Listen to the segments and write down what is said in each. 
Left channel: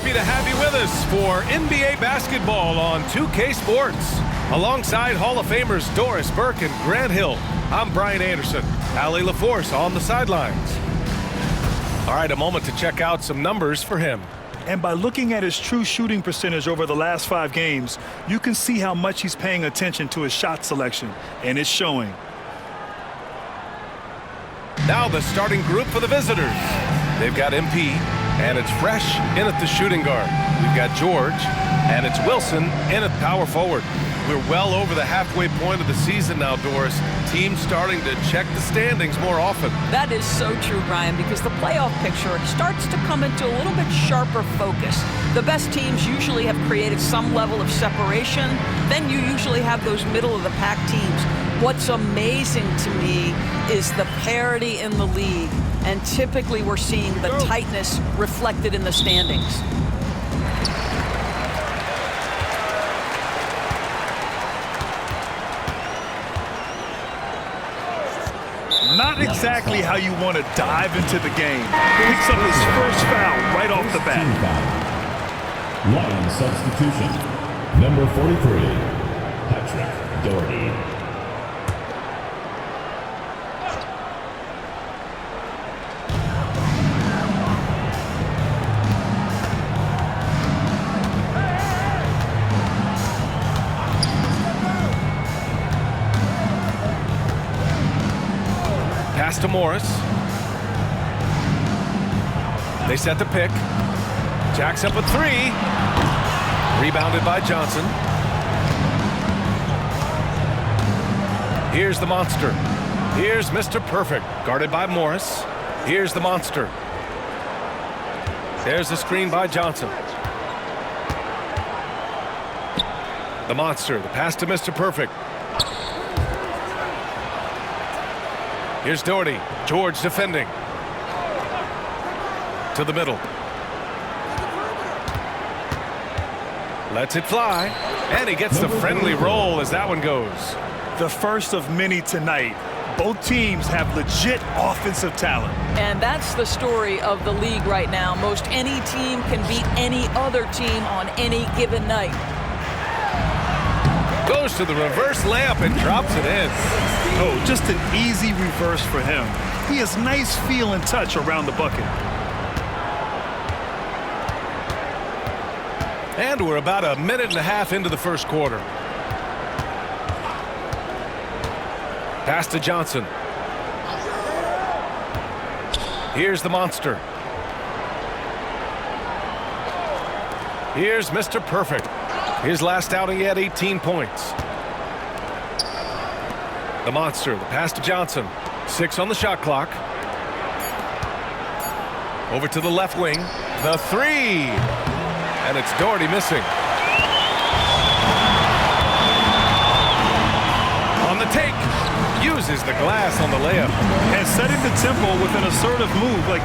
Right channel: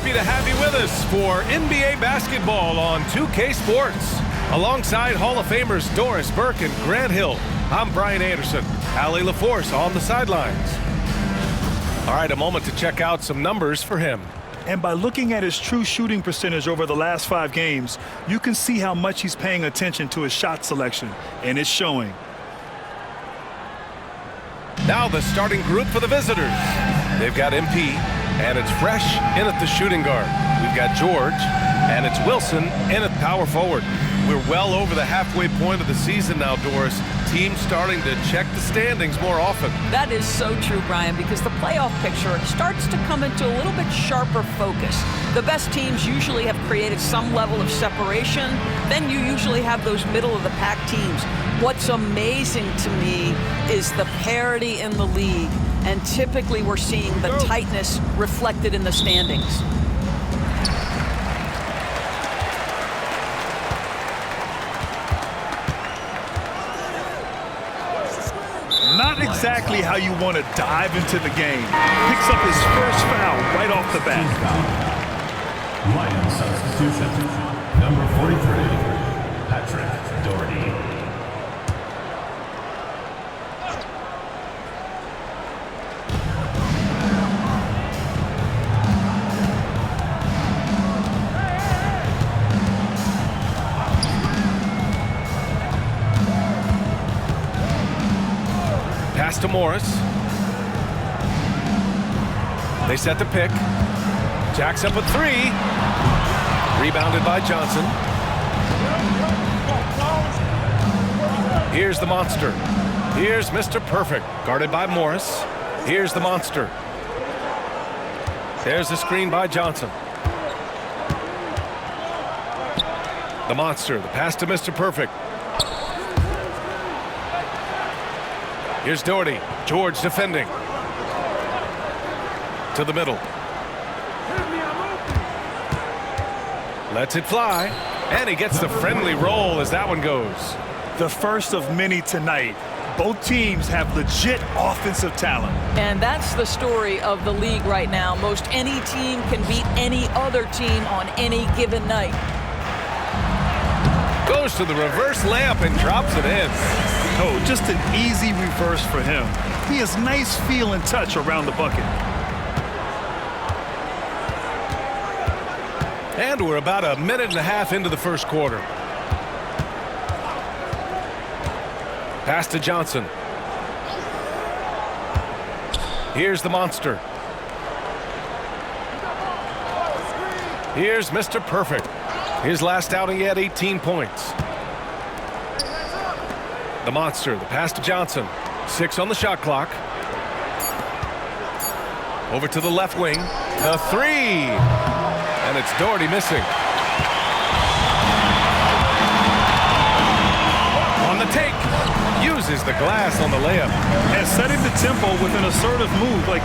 happy to have you with us for NBA basketball on 2K Sports. Alongside Hall of Famers Doris Burke and Grant Hill, I'm Brian Anderson. Allie LaForce on the sidelines. All right, a moment to check out some numbers for him. And by looking at his true shooting percentage over the last 5 games, you can see how much he's paying attention to his shot selection, and it's showing. Now the starting group for the visitors. They've got MP, and it's Fresh in at the shooting guard. We've got George, and it's Wilson in at power forward. We're well over the halfway point of the season now, Doris. Teams starting to check the standings more often. That is so true, Brian, because the playoff picture starts to come into a little bit sharper focus. The best teams usually have created some level of separation. Then you usually have those middle-of-the-pack teams. What's amazing to me is the parity in the league, and typically we're seeing the tightness reflected in the standings. Not exactly how you want to dive into the game. Picks up his first foul right off the bat. Lions substitution. Number 43, Patrick Doherty. Pass to Morris. They set the pick. Jacks up a 3. Rebounded by Johnson. Here's the monster. Here's Mr. Perfect, guarded by Morris. Here's the monster. There's the screen by Johnson. The monster, the pass to Mr. Perfect. Here's Doherty. George defending. To the middle. Lets it fly. And he gets the friendly roll as that one goes. The first of many tonight. Both teams have legit offensive talent. And that's the story of the league right now. Most any team can beat any other team on any given night. Goes to the reverse layup and drops it in. Oh, just an easy reverse for him. He has nice feel and touch around the bucket. And we're about a minute and a half into the first quarter. Pass to Johnson. Here's the monster. Here's Mr. Perfect. His last outing, he had 18 points. The monster, the pass to Johnson. 6 on the shot clock. Over to the left wing. The 3. And it's Doherty missing. On the take. Uses the glass on the layup. And setting the tempo with an assertive move. Like,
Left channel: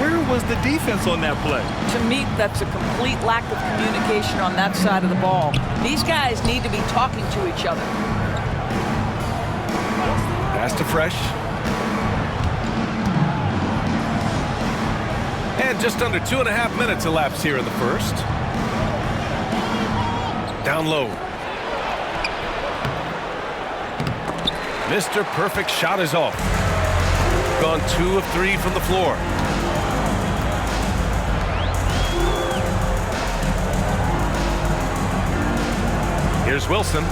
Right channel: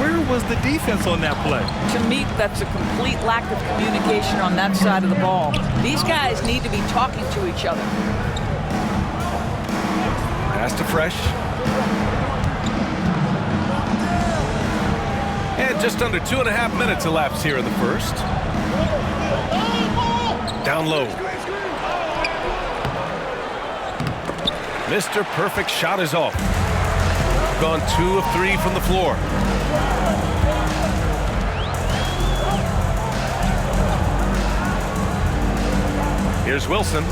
where was the defense on that play? To me, that's a complete lack of communication on that side of the ball. These guys need to be talking to each other. Pass to Fresh. And just under 2.5 minutes elapsed here in the first. Down low. Mr. Perfect shot is off. Gone 2 of 3 from the floor. Here's Wilson.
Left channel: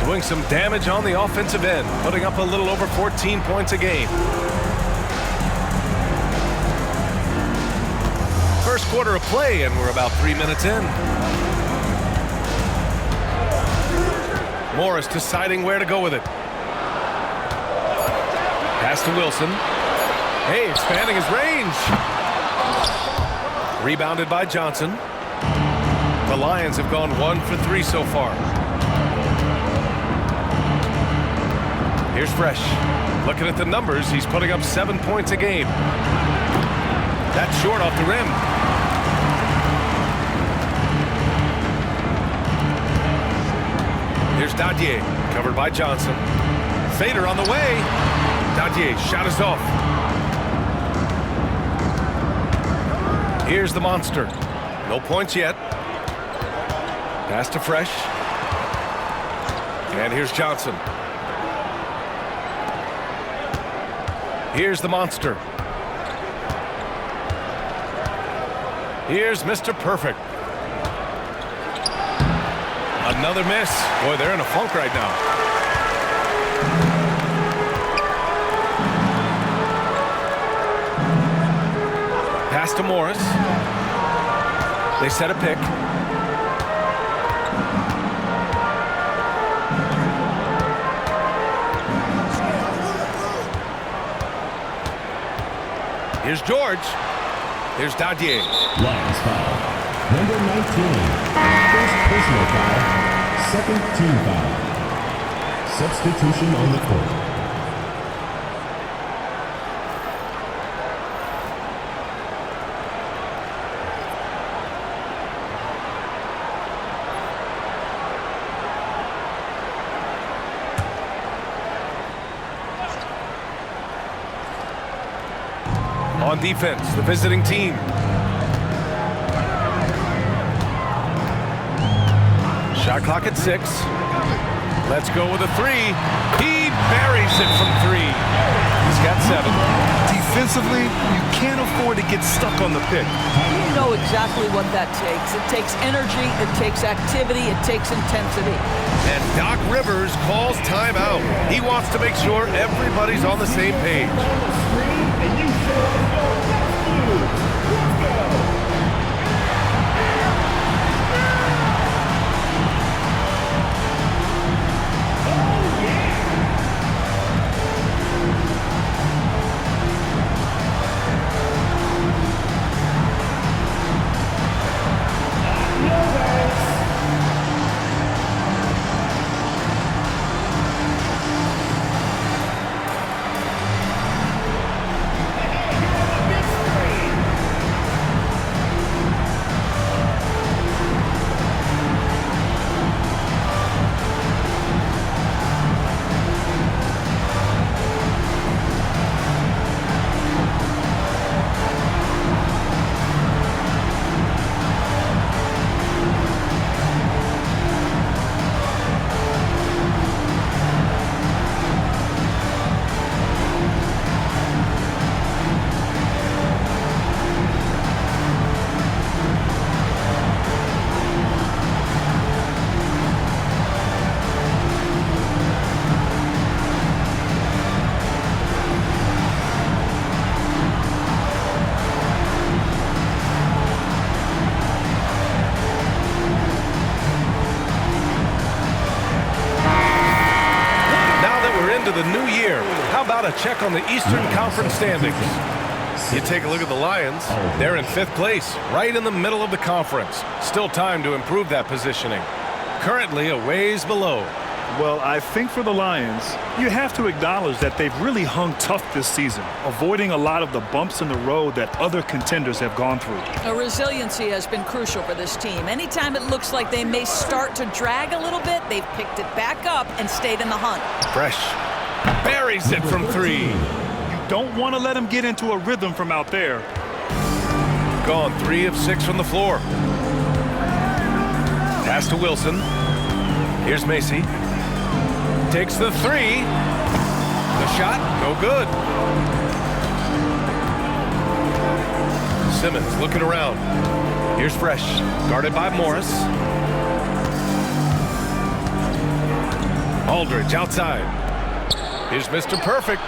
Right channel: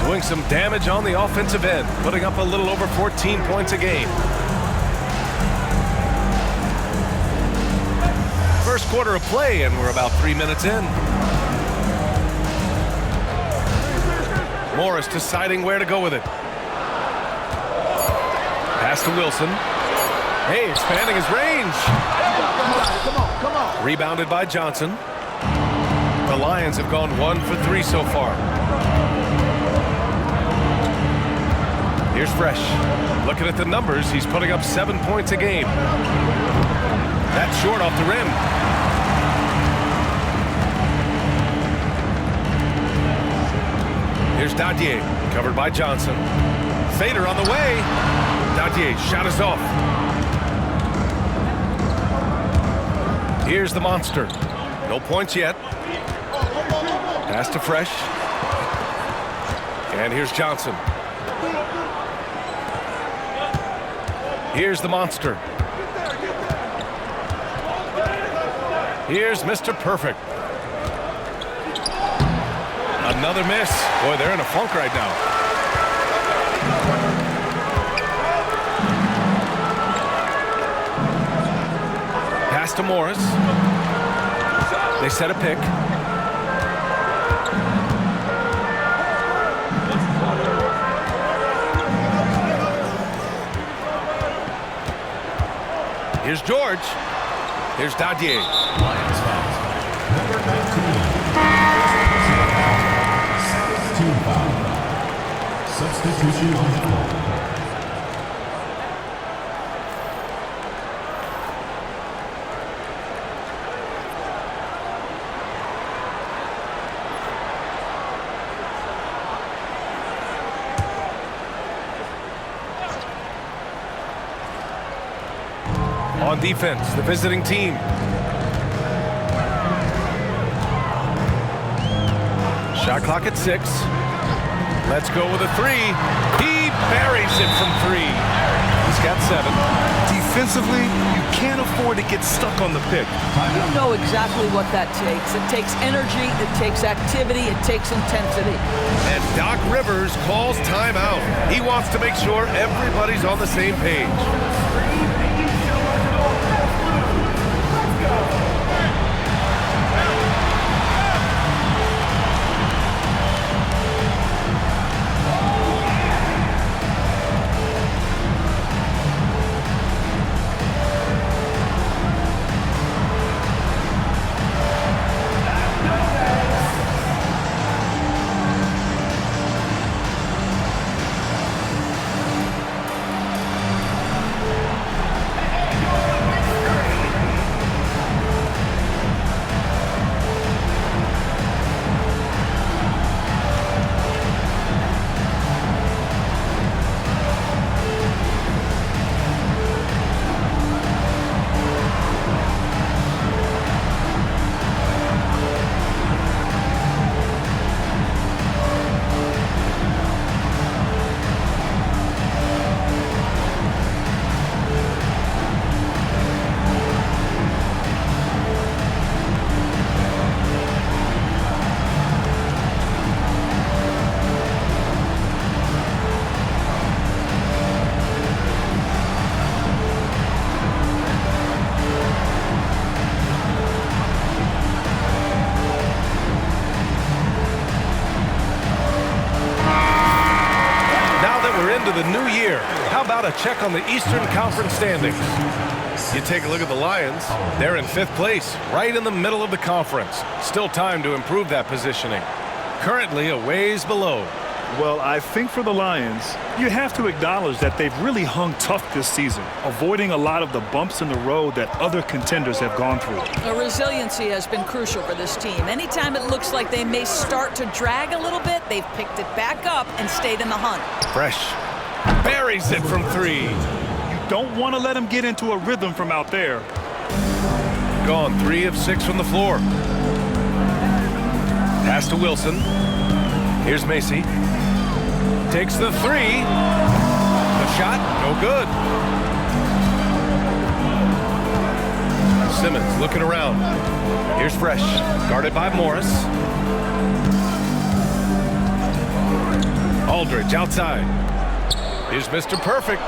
Doing some damage on the offensive end, putting up a little over 14 points a game. First quarter of play, and we're about 3 minutes in. Morris deciding where to go with it. Pass to Wilson. Hey, expanding his range. Come on. Rebounded by Johnson. The Lions have gone 1 for 3 so far. Here's Fresh. Looking at the numbers, he's putting up 7 points a game. That's short off the rim. Here's Dadier, covered by Johnson. Fader on the way. Dadier, shot is off. Here's the monster. No points yet. Pass to Fresh. And here's Johnson. Here's the monster. Here's Mr. Perfect. Another miss. Boy, they're in a funk right now. Pass to Morris. They set a pick. Here's George. Here's Dadier. Lions foul. Number 19. First personal foul. Second team foul. Substitution on the court. On defense, the visiting team. Shot clock at 6. Let's go with a 3. He buries it from 3. He's got 7. Defensively, you can't afford to get stuck on the pick. You know exactly what that takes. It takes energy, it takes activity, it takes intensity. And Doc Rivers calls timeout. He wants to make sure everybody's on the same page. Into the new year, how about a check on the Eastern Conference standings? You take a look at the Lions. They're in 5th place, right in the middle of the conference. Still time to improve that positioning. Currently a ways below. Well, I think for the Lions, you have to acknowledge that they've really hung tough this season, avoiding a lot of the bumps in the road that other contenders have gone through. The resiliency has been crucial for this team. Anytime it looks like they may start to drag a little bit, they've picked it back up and stayed in the hunt. Fresh buries it from 3. You don't want to let him get into a rhythm from out there. Gone 3 of 6 from the floor. Pass to Wilson. Here's Macy. Takes the 3. The shot, no good. Simmons looking around. Here's Fresh, guarded by Morris. Aldridge outside. Here's Mr. Perfect.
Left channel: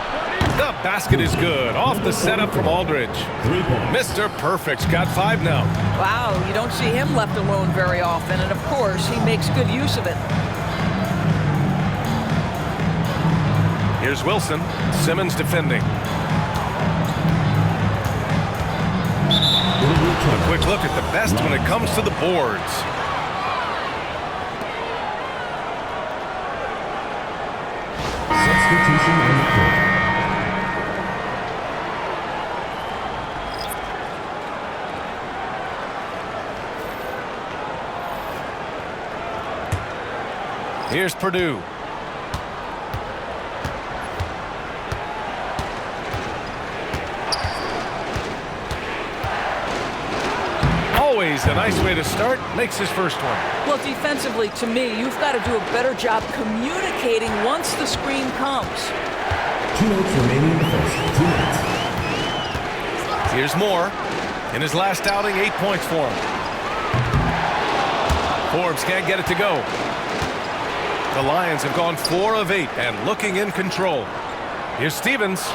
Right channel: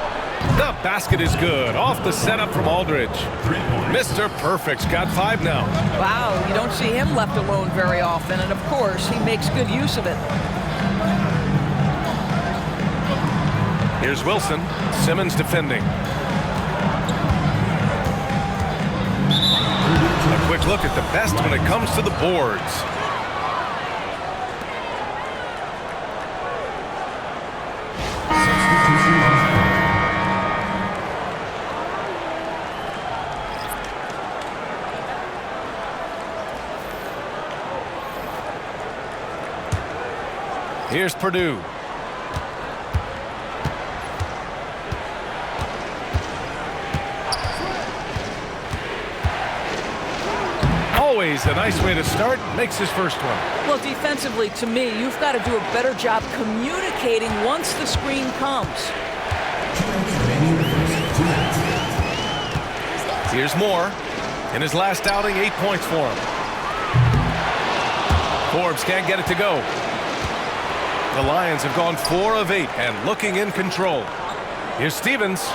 The basket is good. Off the setup from Aldridge. 3 points. Mr. Perfect's got 5 now. Wow, you don't see him left alone very often, and of course, he makes good use of it. Here's Wilson. Simmons defending. A quick look at the best when it comes to the boards. Substitution on the court. Here's Purdue. always a nice way to start. Makes his first one. Well, defensively, to me, you've got to do a better job communicating once the screen comes. 2 minutes remaining in the first. 2 minutes. Here's Moore. In his last outing, 8 points for him. Forbes can't get it to go. The Lions have gone 4 of 8 and looking in control. Here's Stevens.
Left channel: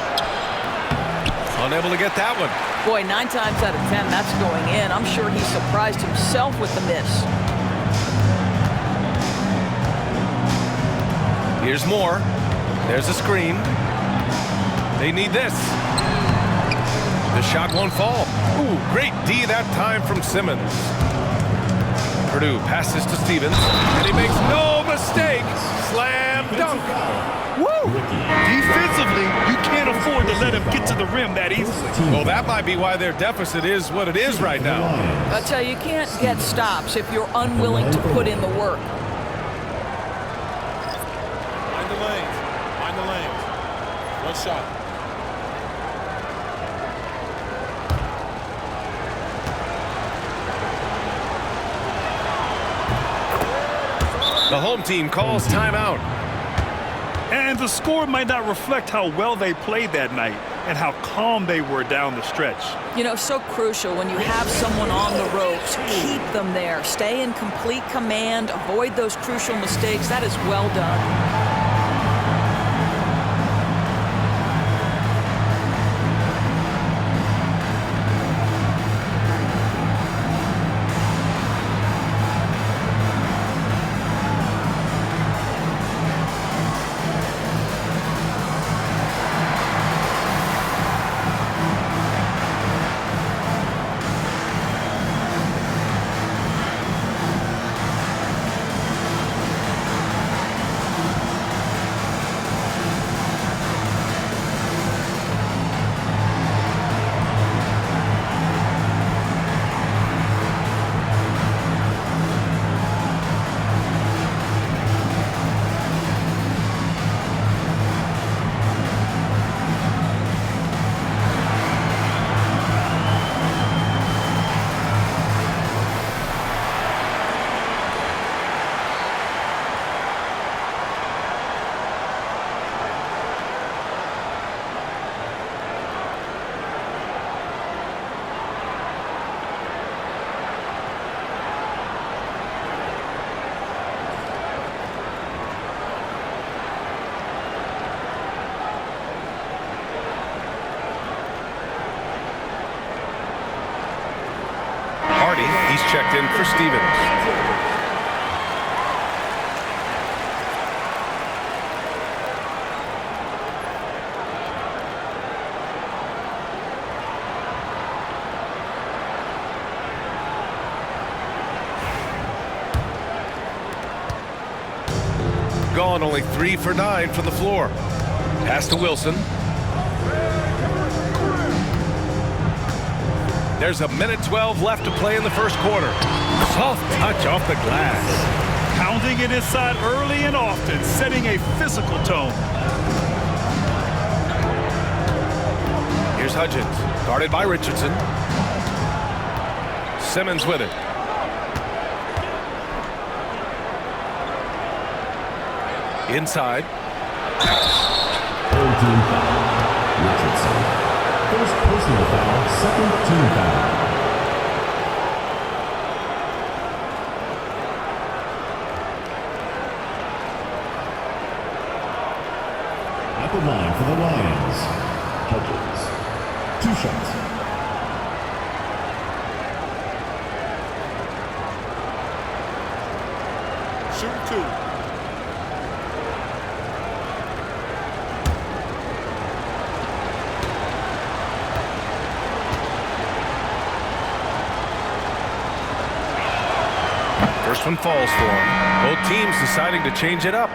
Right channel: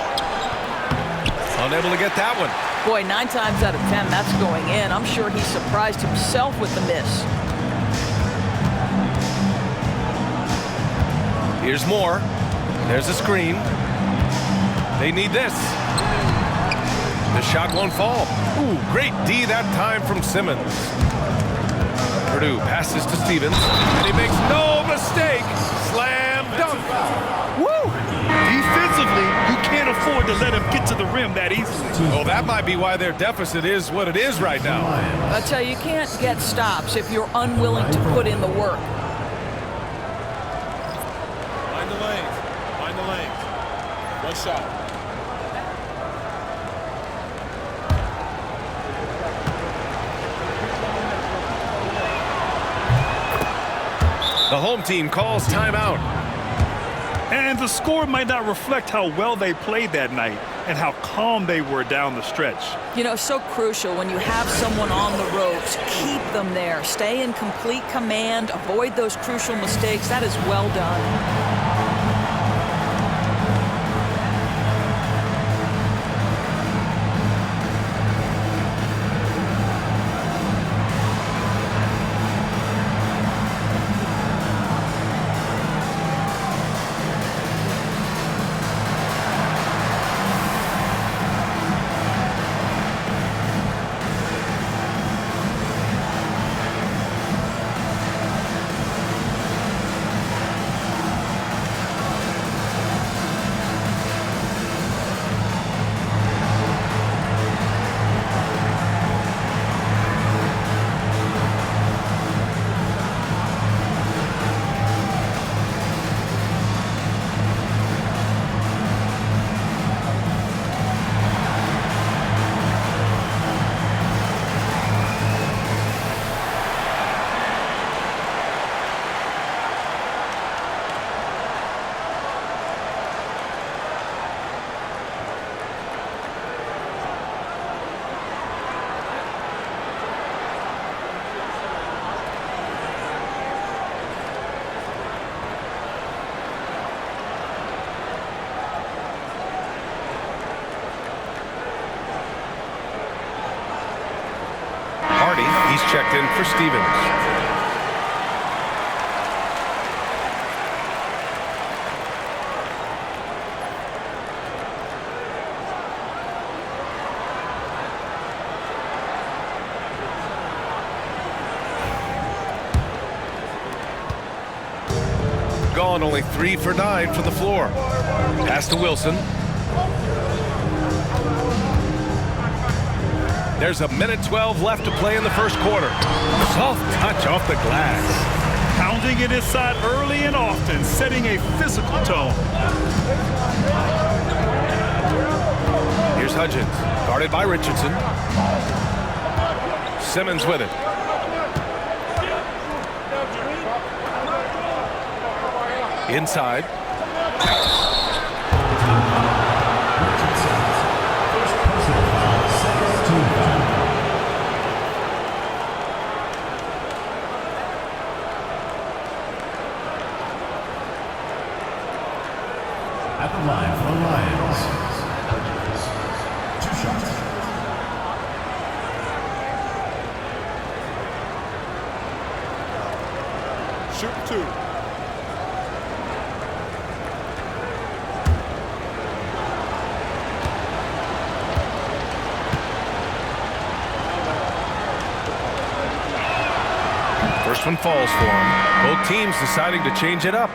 Unable to get that one. Boy, 9 times out of 10, that's going in. I'm sure he surprised himself with the miss. Here's Moore. There's a screen. They need this. The shot won't fall. Ooh, great D that time from Simmons. Purdue passes to Stevens, and he makes no mistake. Slam dunk. Woo! Defensively, you can't afford to let him get to the rim that easily. Well, that might be why their deficit is what it is right now. I tell you, you can't get stops if you're unwilling to put in the work. Mind the lanes. Mind the lanes. One shot. The home team calls timeout. And the score might not reflect how well they played that night and how calm they were down the stretch. You know, so crucial when you have someone on the ropes. Keep them there. Stay in complete command. Avoid those crucial mistakes. That is well done. He's checked in for Stevens. Gone only 3 for 9 from the floor. Pass to Wilson. There's a minute 12 left to play in the first quarter. Soft touch off the glass. Pounding it inside early and often, setting a physical tone. Here's Hudgens, guarded by Richardson. Simmons with it. Inside. Team foul. Richardson. First personal foul, second team foul. At the line for the Lions, Hudgens. 2 shots. Shoot 2. First one falls for him. Both teams deciding to change it up.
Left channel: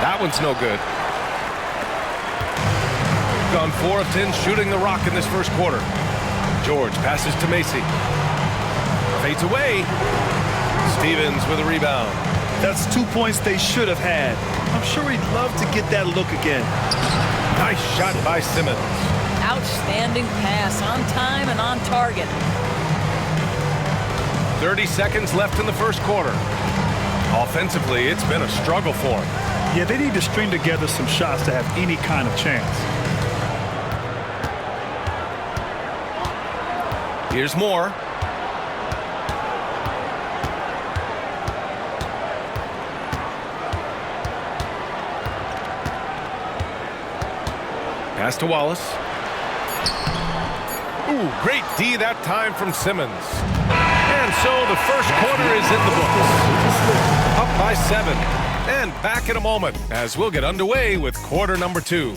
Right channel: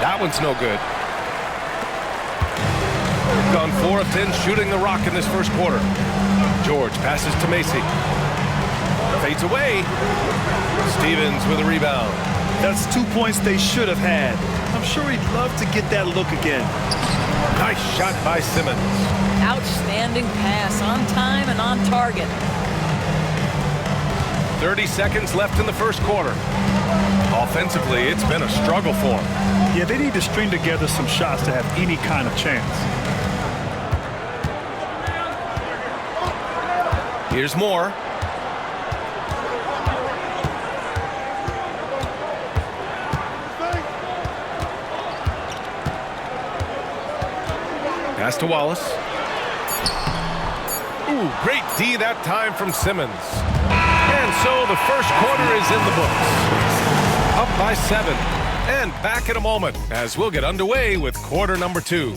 That one's no good. gone 4 of 10 shooting the rock in this first quarter. George passes to Macy. Fades away. Stevens with a rebound. That's 2 points they should have had. I'm sure he'd love to get that look again. Nice shot by Simmons. Outstanding pass, on time and on target. 30 seconds left in the first quarter. Offensively, it's been a struggle for him. Yeah, they need to string together some shots to have any kind of chance. Here's more. Pass to Wallace. Ooh, great D that time from Simmons. And so the first quarter is in the books. Up by 7. And back in a moment as we'll get underway with quarter number 2.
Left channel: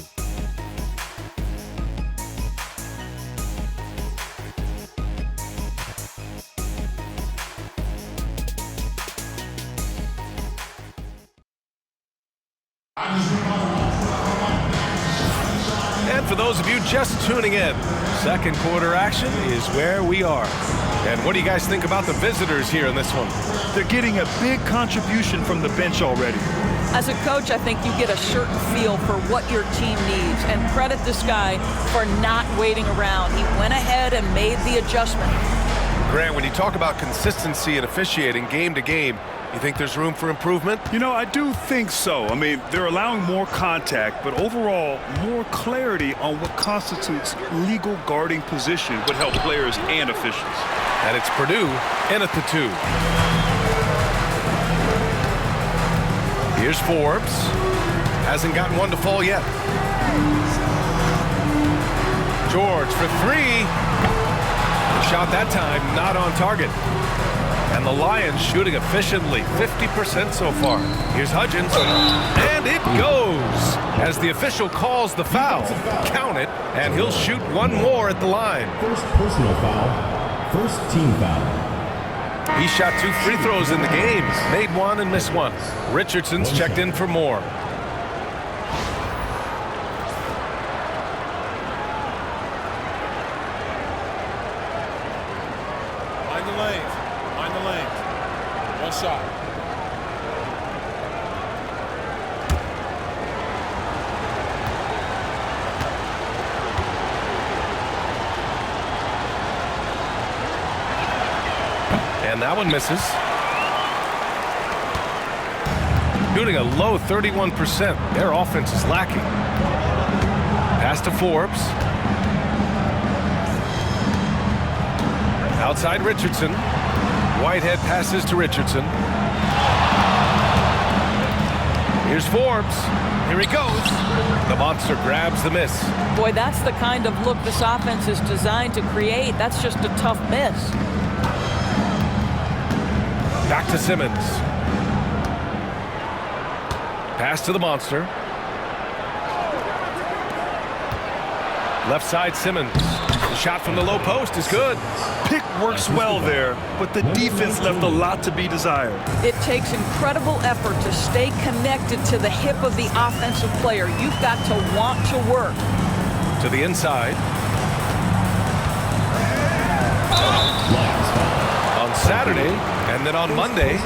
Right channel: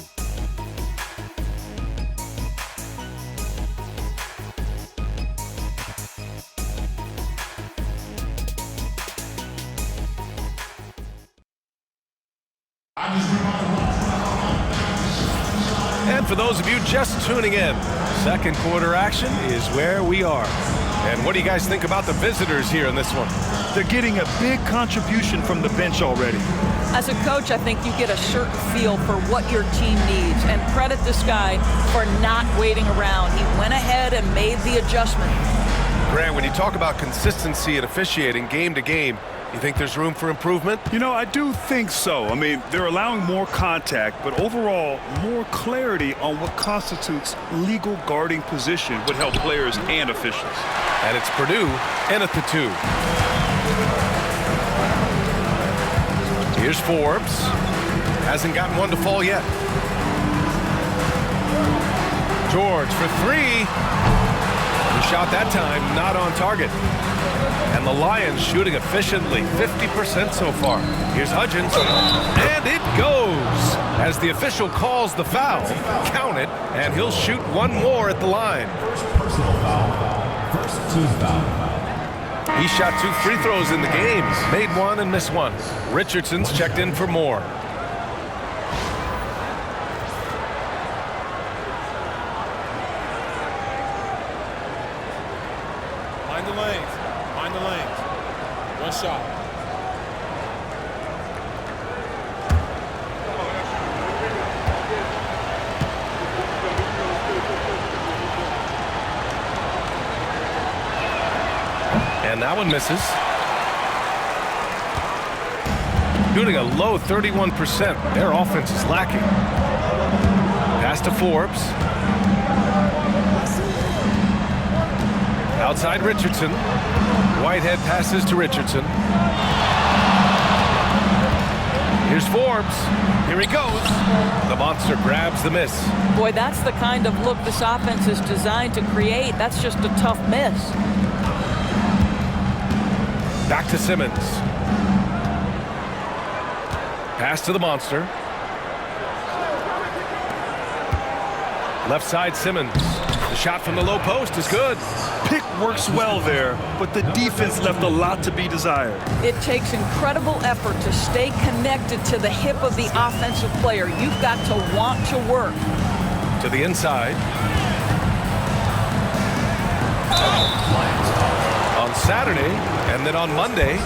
And for those of you just tuning in, second quarter action is where we are. And what do you guys think about the visitors here in this one? They're getting a big contribution from the bench already. As a coach, I think you get a certain feel for what your team needs, and credit this guy for not waiting around. He went ahead and made the adjustment. Grant, when you talk about consistency and officiating game to game, you think there's room for improvement? You know, I do think so. I mean, they're allowing more contact, but overall, more clarity on what constitutes legal guarding position would help players and officials. And it's Purdue in at the 2. Here's Forbes. Hasn't gotten one to fall yet. George for 3. The shot that time not on target. And the Lions shooting efficiently, 50% so far. Here's Hudgens, and it goes. As the official calls the foul, count it, and he'll shoot one more at the line. First personal foul, first team foul. He shot 2 free throws in the game, made 1 and missed 1. Richardson's checked in for more. Mind the lanes. Mind the lanes. One shot. And that one misses. Shooting a low 31%. Their offense is lacking. Pass to Forbes. Outside Richardson. Whitehead passes to Richardson. Here's Forbes. Here he goes. The monster grabs the miss. Boy, that's the kind of look this offense is designed to create. That's just a tough miss. Back to Simmons. Pass to the monster. Left side Simmons. The shot from the low post is good. Pick works well there, but the defense left a lot to be desired. It takes incredible effort to stay connected to the hip of the offensive player. You've got to want to work. To the inside. On Saturday, and then on Monday.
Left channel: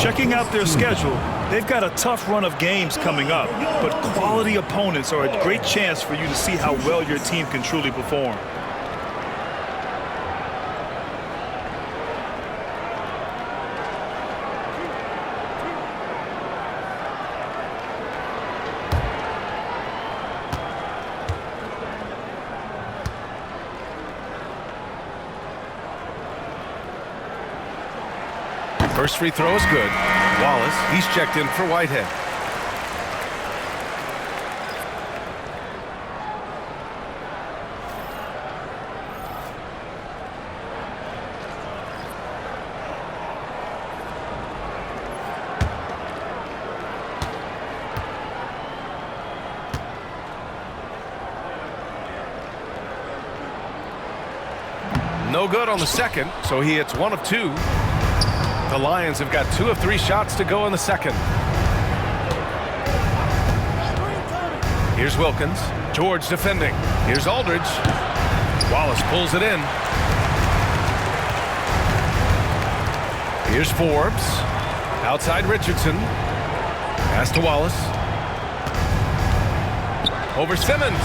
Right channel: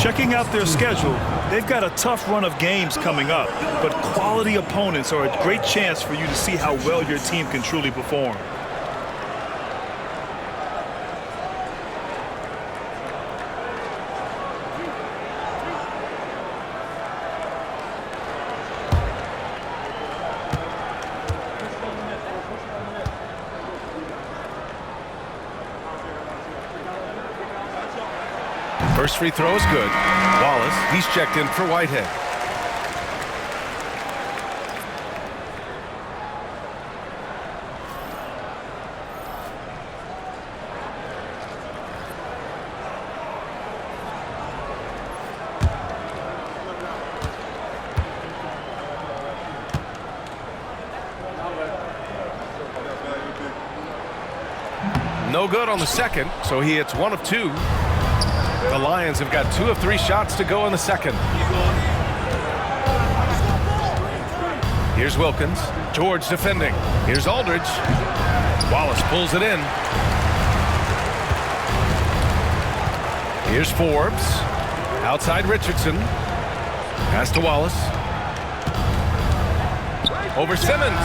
Checking out their schedule, they've got a tough run of games coming up, but quality opponents are a great chance for you to see how well your team can truly perform. First free throw is good. Wallace, he's checked in for Whitehead. No good on the second, so he hits 1 of 2. The Lions have got 2 of 3 shots to go in the second. Here's Wilkins. George defending. Here's Aldridge. Wallace pulls it in. Here's Forbes. Outside Richardson. Pass to Wallace. Over Simmons.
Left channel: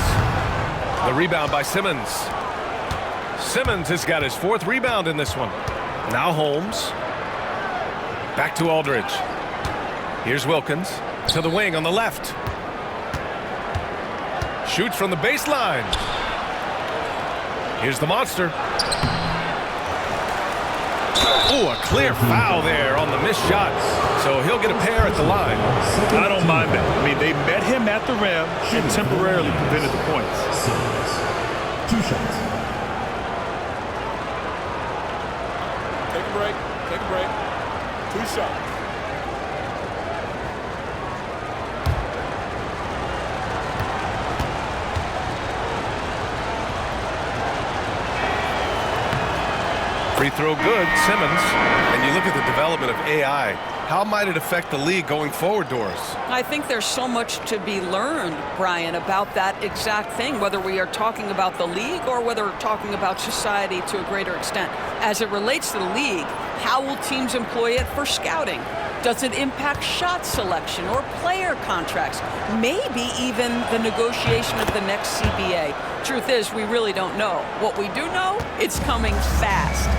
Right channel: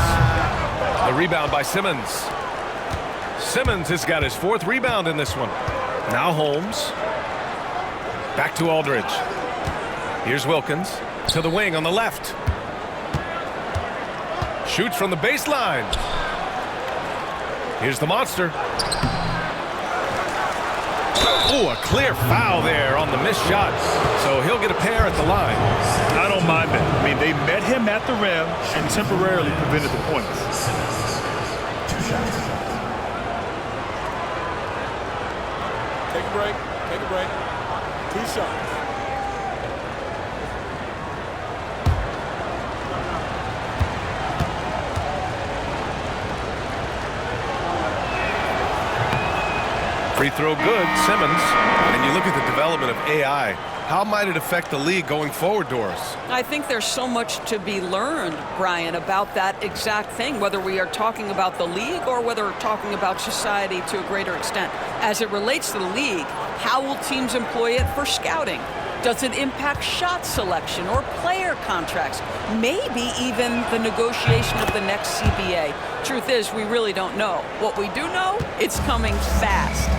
The rebound by Simmons. Simmons has got his 4th rebound in this one. Now Holmes. Back to Aldridge. Here's Wilkins. To the wing on the left. Shoots from the baseline. Here's the monster. Oh, a clear foul there on the missed shot. So he'll get a pair at the line. I don't mind that. I mean, they met him at the rim and temporarily prevented the points. 2 shots. Take a break. Take a break. 2 shots. Free throw good, Simmons. And you look at the development of AI. How might it affect the league going forward, Doris? I think there's so much to be learned, Brian, about that exact thing, whether we are talking about the league or whether we're talking about society to a greater extent. As it relates to the league, how will teams employ it for scouting? Does it impact shot selection or player contracts? Maybe even the negotiation of the next CBA. Truth is, we really don't know. What we do know, it's coming fast.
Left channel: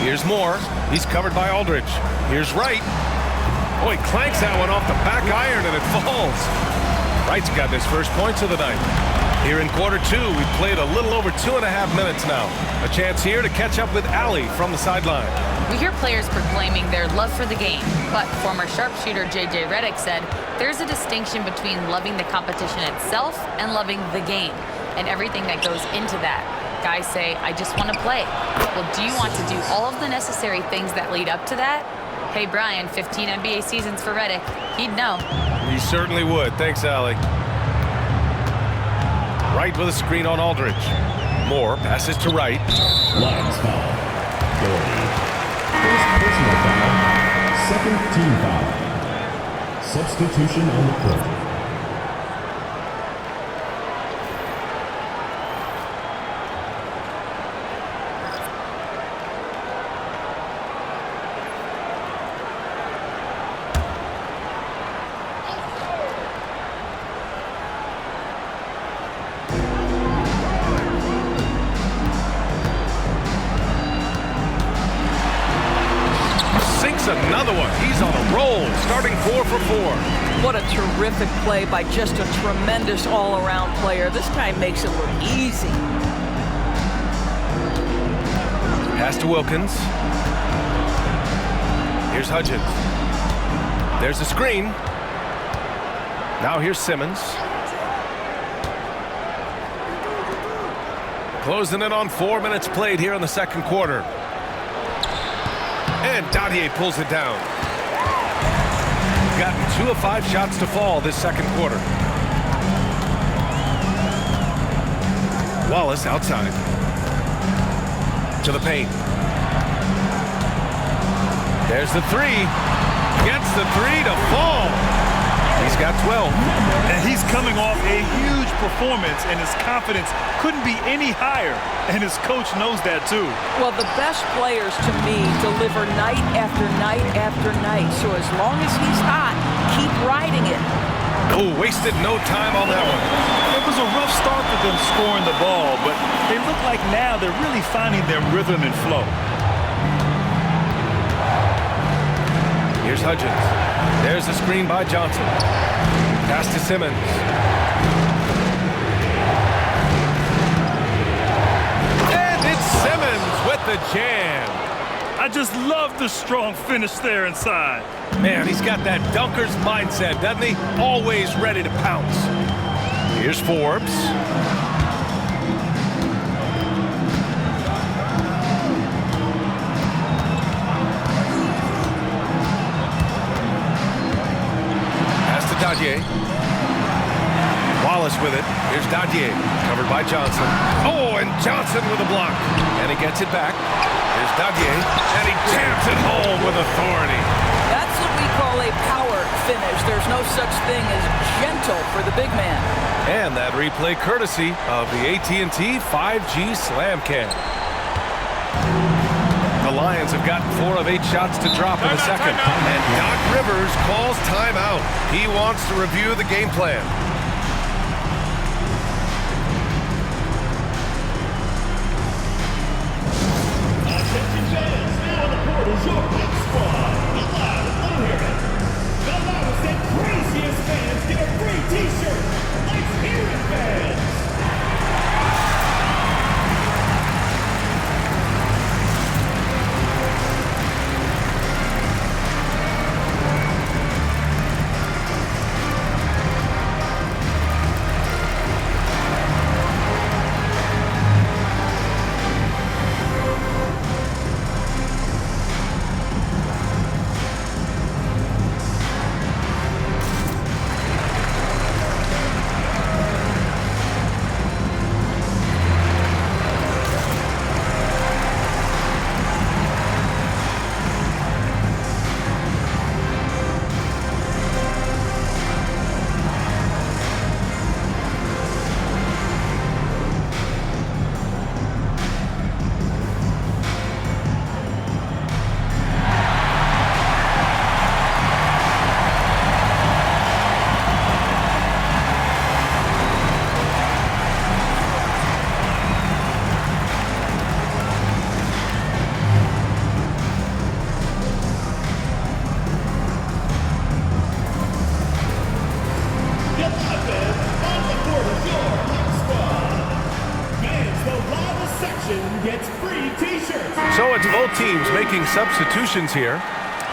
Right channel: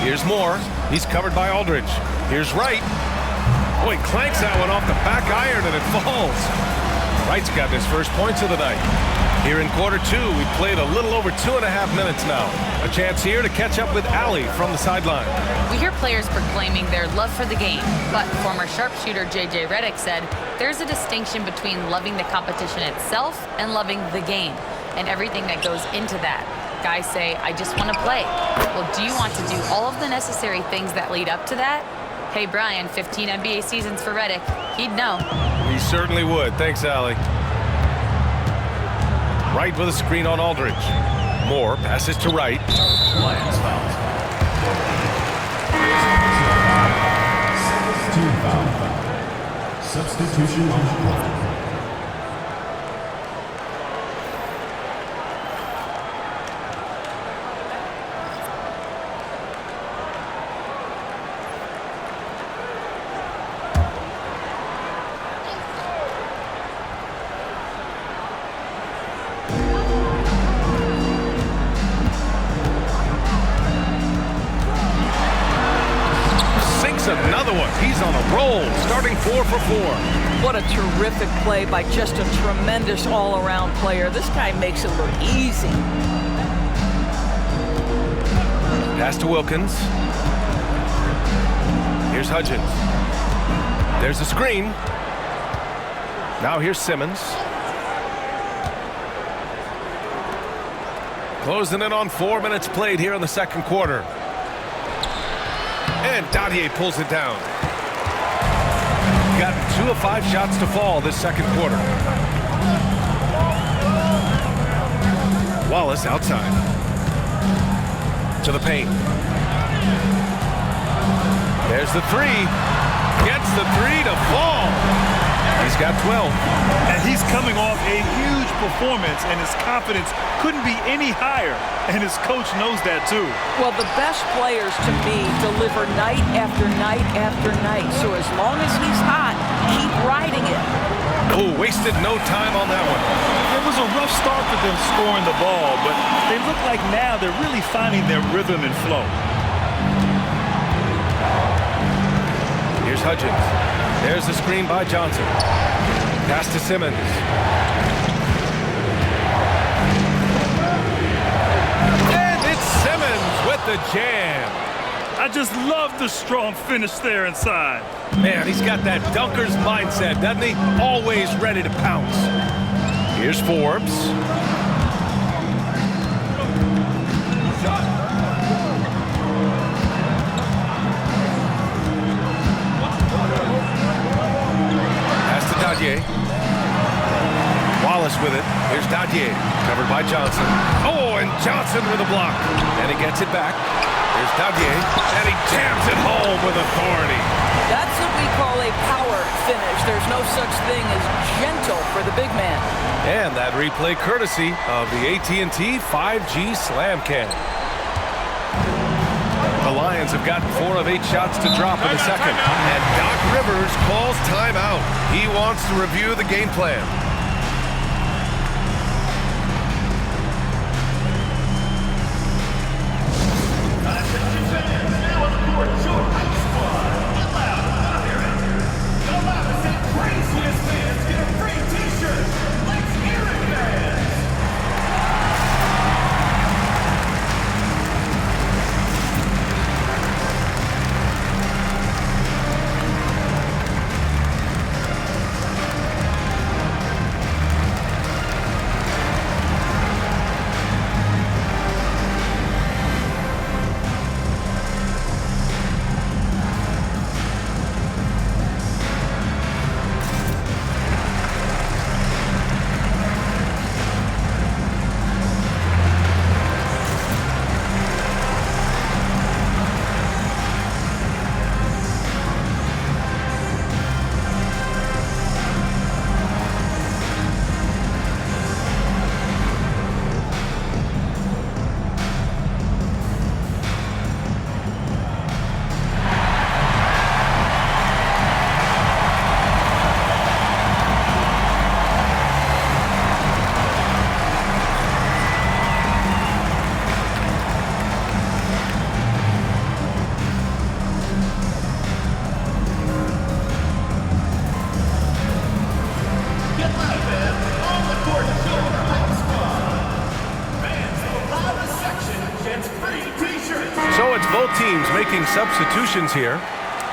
Here's Moore. He's covered by Aldridge. Here's Wright. Oh, he clanks that one off the back iron and it falls. Wright's got his first points of the night. Here in quarter 2, we've played a little over 2.5 minutes now. A chance here to catch up with Allie from the sideline. We hear players proclaiming their love for the game, but former sharpshooter J.J. Redick said there's a distinction between loving the competition itself and loving the game, and everything that goes into that. Guys say, I just want to play. Well, do you want to do all of the necessary things that lead up to that? Hey, Brian, 15 NBA seasons for Redick. He'd know. He certainly would. Thanks, Allie. Wright with a screen on Aldridge. Moore passes to Wright. Lions foul. Doherty. First personal foul. Second team foul. Substitution on the court. Sinks another one. He's on a roll, starting 4 for 4. What a terrific play by just a tremendous all-around player. This guy makes it look easy. Pass to Wilkins. Here's Hudgens. There's a screen. Now here's Simmons. Closing in on 4 minutes played here in the second quarter. And Dadier pulls it down. Gotten 2 of 5 shots to fall this second quarter. Wallace outside. To the paint. There's the 3. Gets the 3 to fall. He's got 12. And he's coming off a huge performance, and his confidence couldn't be any higher. And his coach knows that, too. Well, the best players, to me, deliver night after night after night. So as long as he's hot, keep riding it. Oh, wasted no time on that one. It was a rough start for them scoring the ball, but they look like now they're really finding their rhythm and flow. Here's Hudgens. There's the screen by Johnson. Pass to Simmons. And it's Simmons with the jam. I just love the strong finish there inside. Man, he's got that dunker's mindset, doesn't he? Always ready to pounce. Here's Forbes. Pass to Dadier. Wallace with it. Here's Dadier, covered by Johnson. Oh, and Johnson with a block. And he gets it back. Here's Dadier, and he jams it home with authority. That's what we call a power finish. There's no such thing as gentle for the big man. And that replay courtesy of the AT&T 5G Slam Cam. The Lions have gotten 4 of 8 shots to drop in the second. And Doc Rivers calls timeout. He wants to review the game plan. So it's both teams making substitutions here.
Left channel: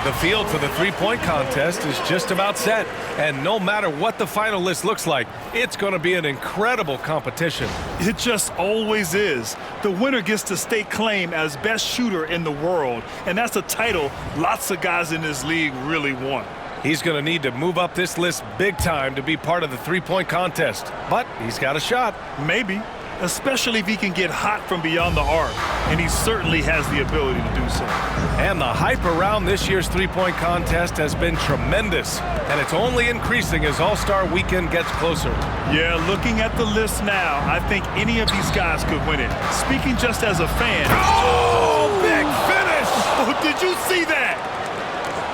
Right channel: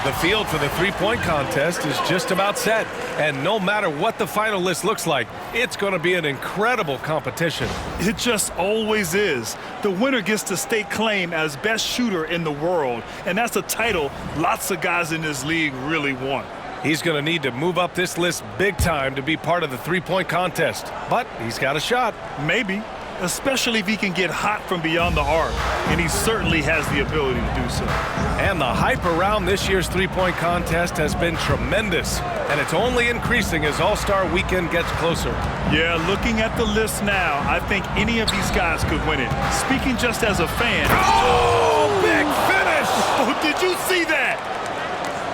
The field for the three-point contest is just about set. And no matter what the final list looks like, it's going to be an incredible competition. It just always is. The winner gets to stake claim as best shooter in the world. And that's a title lots of guys in this league really want. He's going to need to move up this list big time to be part of the three-point contest. But he's got a shot. Maybe. Especially if he can get hot from beyond the arc, and he certainly has the ability to do so. And the hype around this year's three-point contest has been tremendous, and it's only increasing as All-Star Weekend gets closer. Yeah, looking at the list now, I think any of these guys could win it. Speaking just as a fan. Oh, big finish! Oh, did you see that?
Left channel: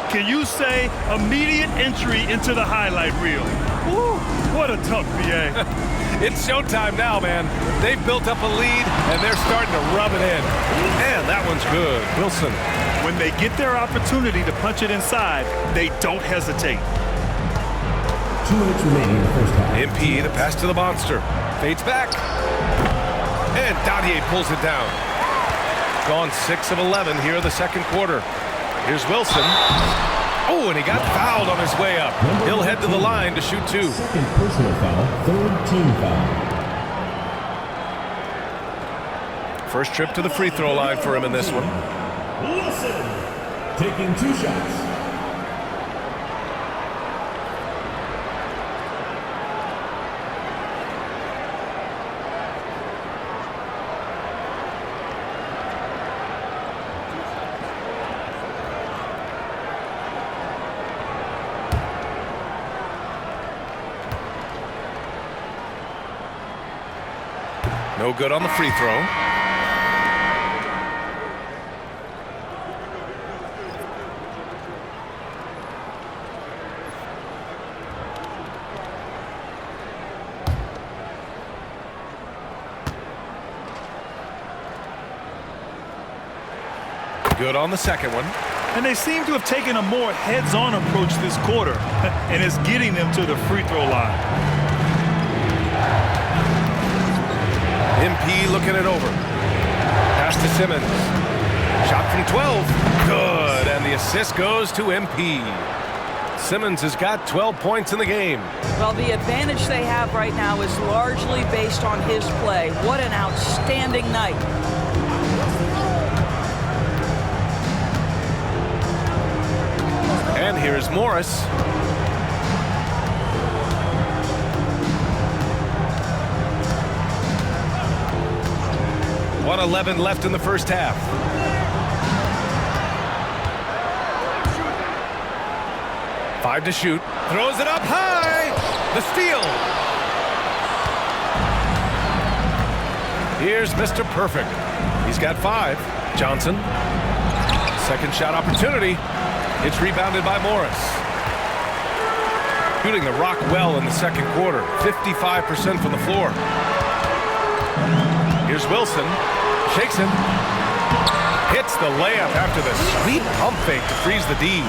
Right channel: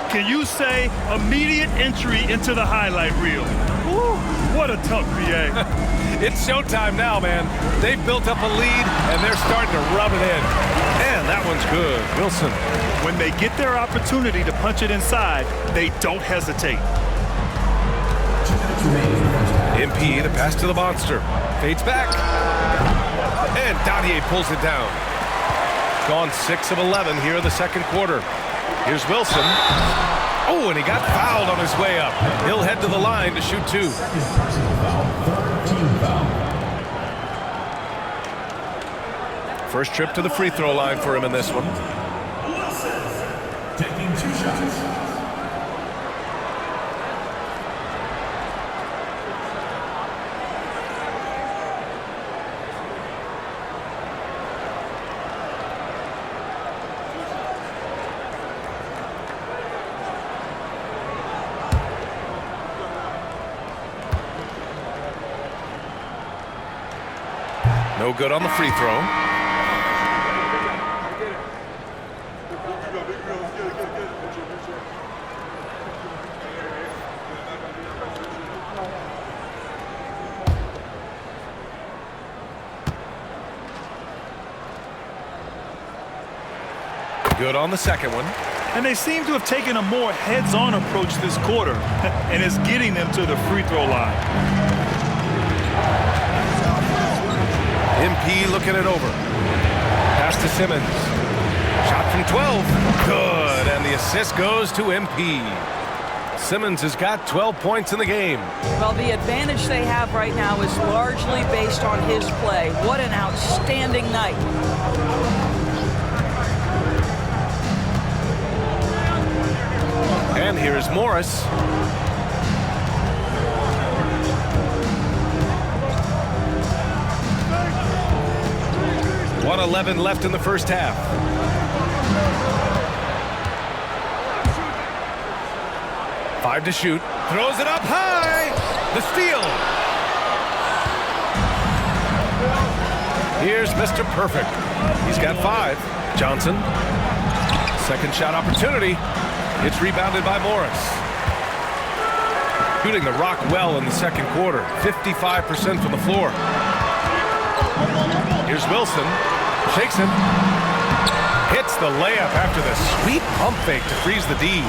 Can you say immediate entry into the highlight reel? Woo, what a tough BA. It's showtime now, man. They've built up a lead, and they're starting to rub it in. And that one's good. Wilson. When they get their opportunity to punch it inside, they don't hesitate. 2 minutes remaining in the first half. MP, the pass to the monster. Fades back. And Dadier pulls it down. Gone 6 of 11 here in the second quarter. Here's Wilson. Oh, and he got fouled on his way up. He'll head to the line to shoot 2. Second personal foul, third team foul. First trip to the free throw line for him in this one. Wilson taking 2 shots. No good on the free throw. Good on the second one. And they seem to have taken a more heads-on approach this quarter, and it's getting them to the free throw line. MP looking it over. Pass to Simmons. Shot from 12. Good. And the assist goes to MP. Simmons has got 12 points in the game. Well, the advantage they have right now is largely based on his play. What an outstanding night. And here's Morris. 1:11 left in the first half. 5 to shoot. Throws it up high. The steal. Here's Mr. Perfect. He's got 5. Johnson. Second shot opportunity. It's rebounded by Morris. Shooting the rock well in the second quarter. 55% from the floor. Here's Wilson. Shakes him. Hits the layup after the sweet pump fake to freeze the D.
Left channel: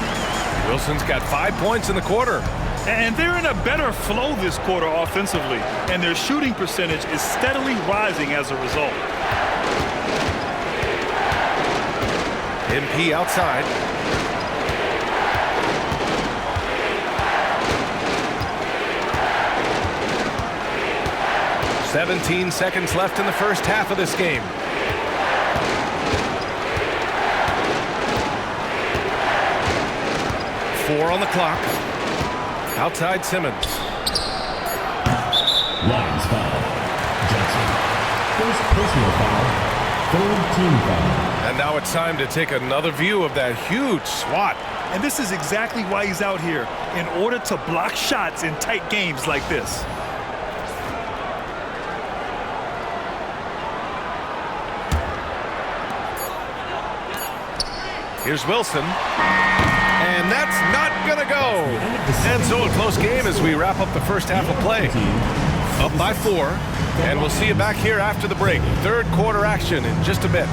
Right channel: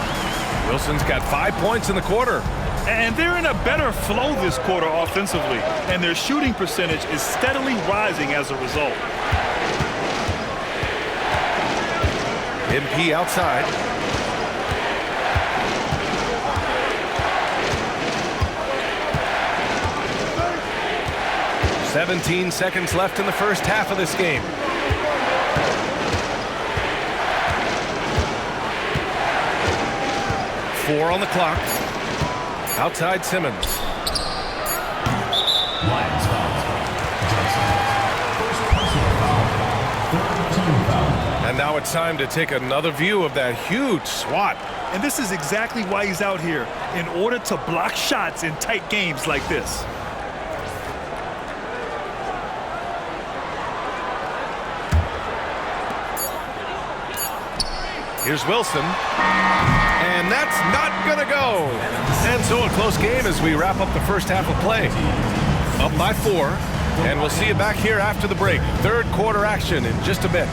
Wilson's got 5 points in the quarter. And they're in a better flow this quarter offensively, and their shooting percentage is steadily rising as a result. MP outside. "17 seconds left in the first half of this game. Four on the clock. Outside Simmons. Lions foul. Johnson. First personal foul. Third team foul. And now it's time to take another view of that huge swat. And this is exactly why he's out here, in order to block shots in tight games like this. Here's Wilson. And that's not going to go. And so a close game as we wrap up the first half of play. Up by 4. And we'll see you back here after the break. Third quarter action in just a bit.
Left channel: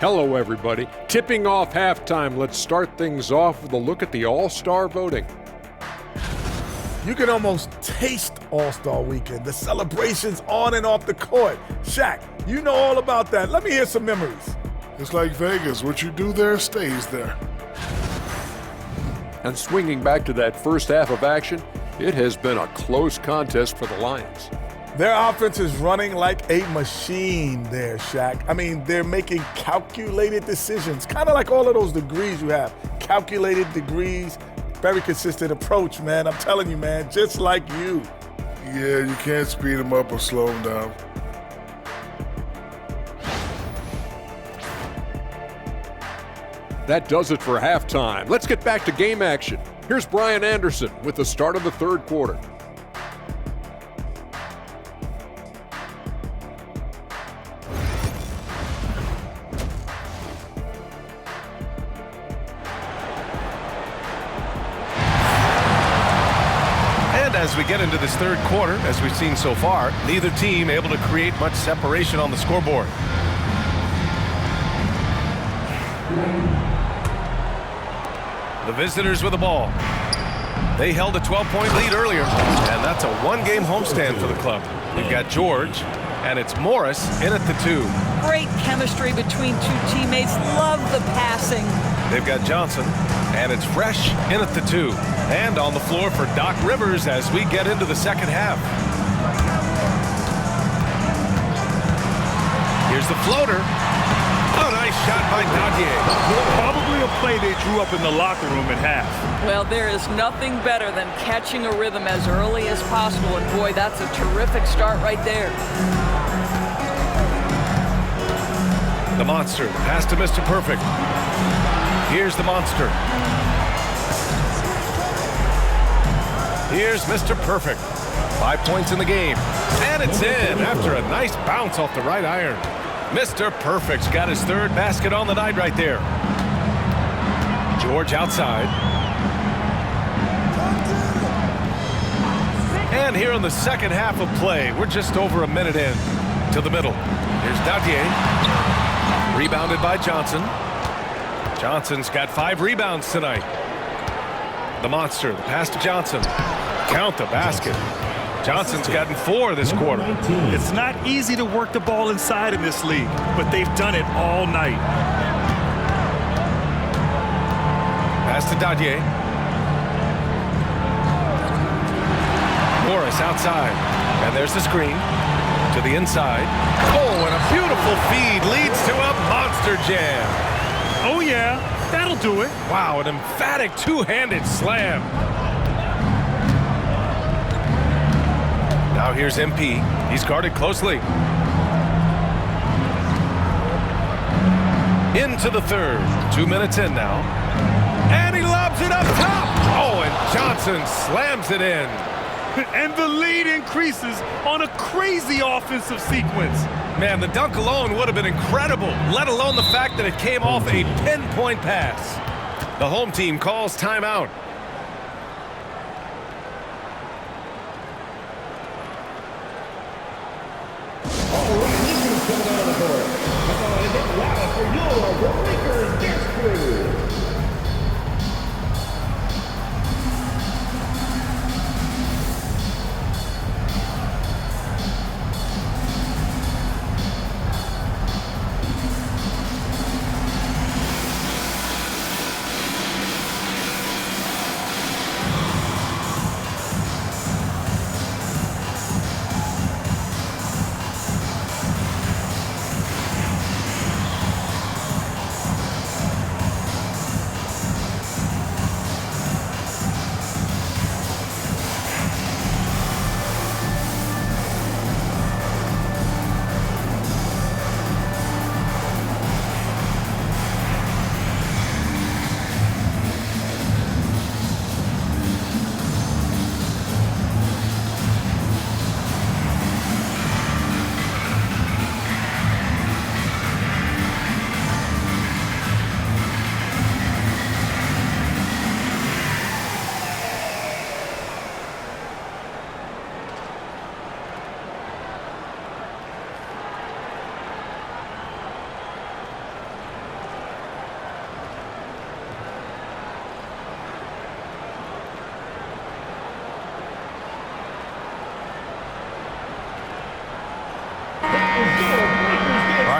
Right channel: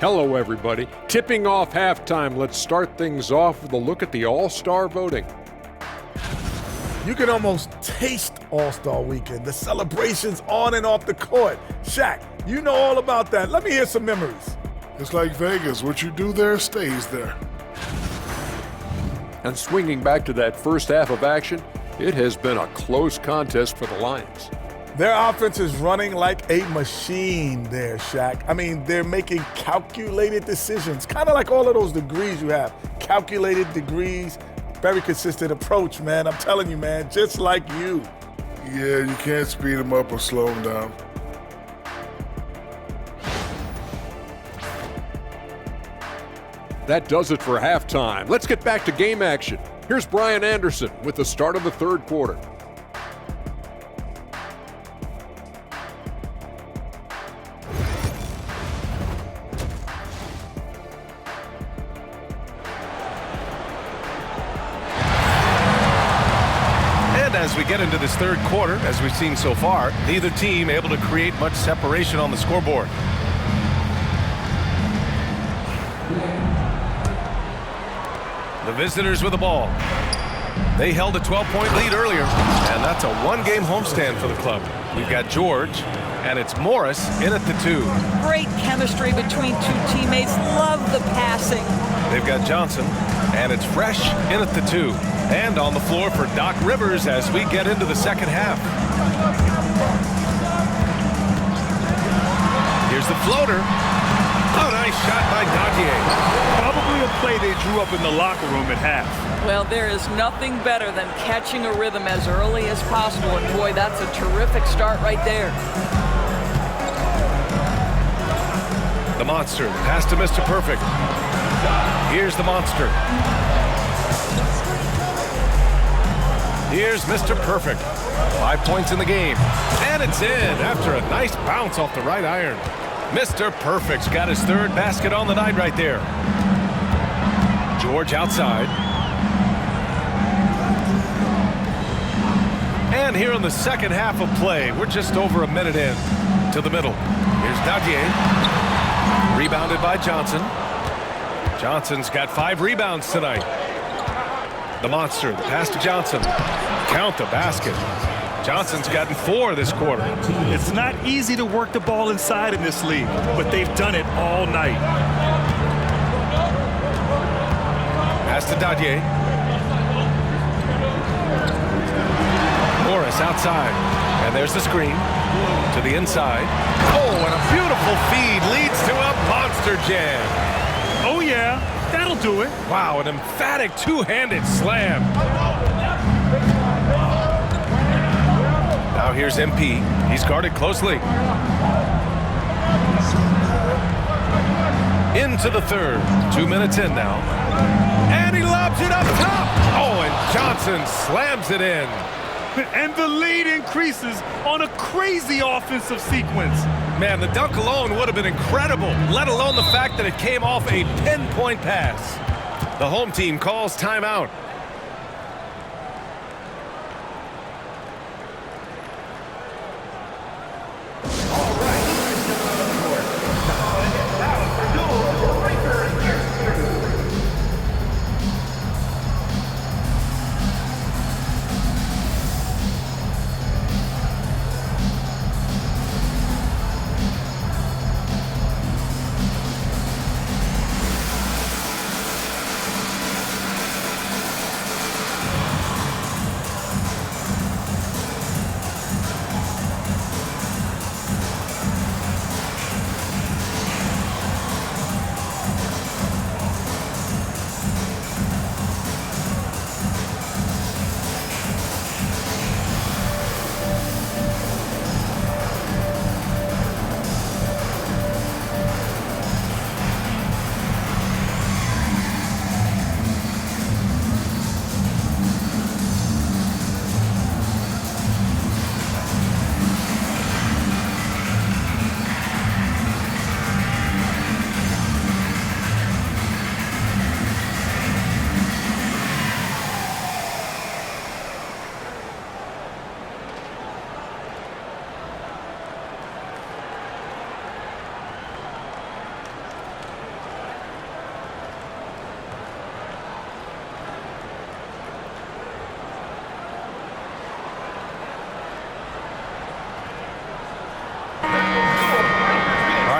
Hello, everybody. Tipping off halftime, let's start things off with a look at the All-Star voting. You can almost taste All-Star Weekend, the celebrations on and off the court. Shaq, you know all about that. Let me hear some memories. It's like Vegas. What you do there stays there. And swinging back to that first half of action, it has been a close contest for the Lions. Their offense is running like a machine there, Shaq. I mean, they're making calculated decisions, kind of like all of those degrees you have. Calculated degrees, very consistent approach, man. I'm telling you, man, just like you. Yeah, you can't speed them up or slow them down. That does it for halftime. Let's get back to game action. Here's Brian Anderson with the start of the third quarter. And as we get into this third quarter, as we've seen so far, neither team able to create much separation on the scoreboard. The visitors with the ball. They held a 12-point lead earlier, and that's a one-game homestand for the club. We've got George, and it's Morris in at the 2. Great chemistry between two teammates. Love the passing. They've got Johnson, and it's Fresh in at the 2. And on the floor for Doc Rivers as we get into the second half. Here's the floater. Oh, nice shot by Dadier. Probably a play they drew up in the locker room at half. Well, there is nothing better than catching a rhythm as early as possible, and boy, that's a terrific start right there. The monster, the pass to Mr. Perfect. Here's the monster. Here's Mr. Perfect. 5 points in the game. And it's in after a nice bounce off the right iron. Mr. Perfect's got his third basket on the night right there. George outside. And here in the second half of play, we're just over a minute in to the middle. Here's Dadier. Rebounded by Johnson. Johnson's got 5 rebounds tonight. The monster, the pass to Johnson. Count the basket. Johnson's gotten 4 this quarter. It's not easy to work the ball inside in this league, but they've done it all night. Pass to Dadier. Morris outside. And there's the screen to the inside. Oh, and a beautiful feed leads to a monster jam. Oh, yeah. That'll do it. Wow, an emphatic two-handed slam. Now here's MP. He's guarded closely. Into the third. 2 minutes in now. And he lobs it up top. Oh, and Johnson slams it in. And the lead increases on a crazy offensive sequence. Man, the dunk alone would have been incredible, let alone the fact that it came off a pinpoint pass. The home team calls timeout.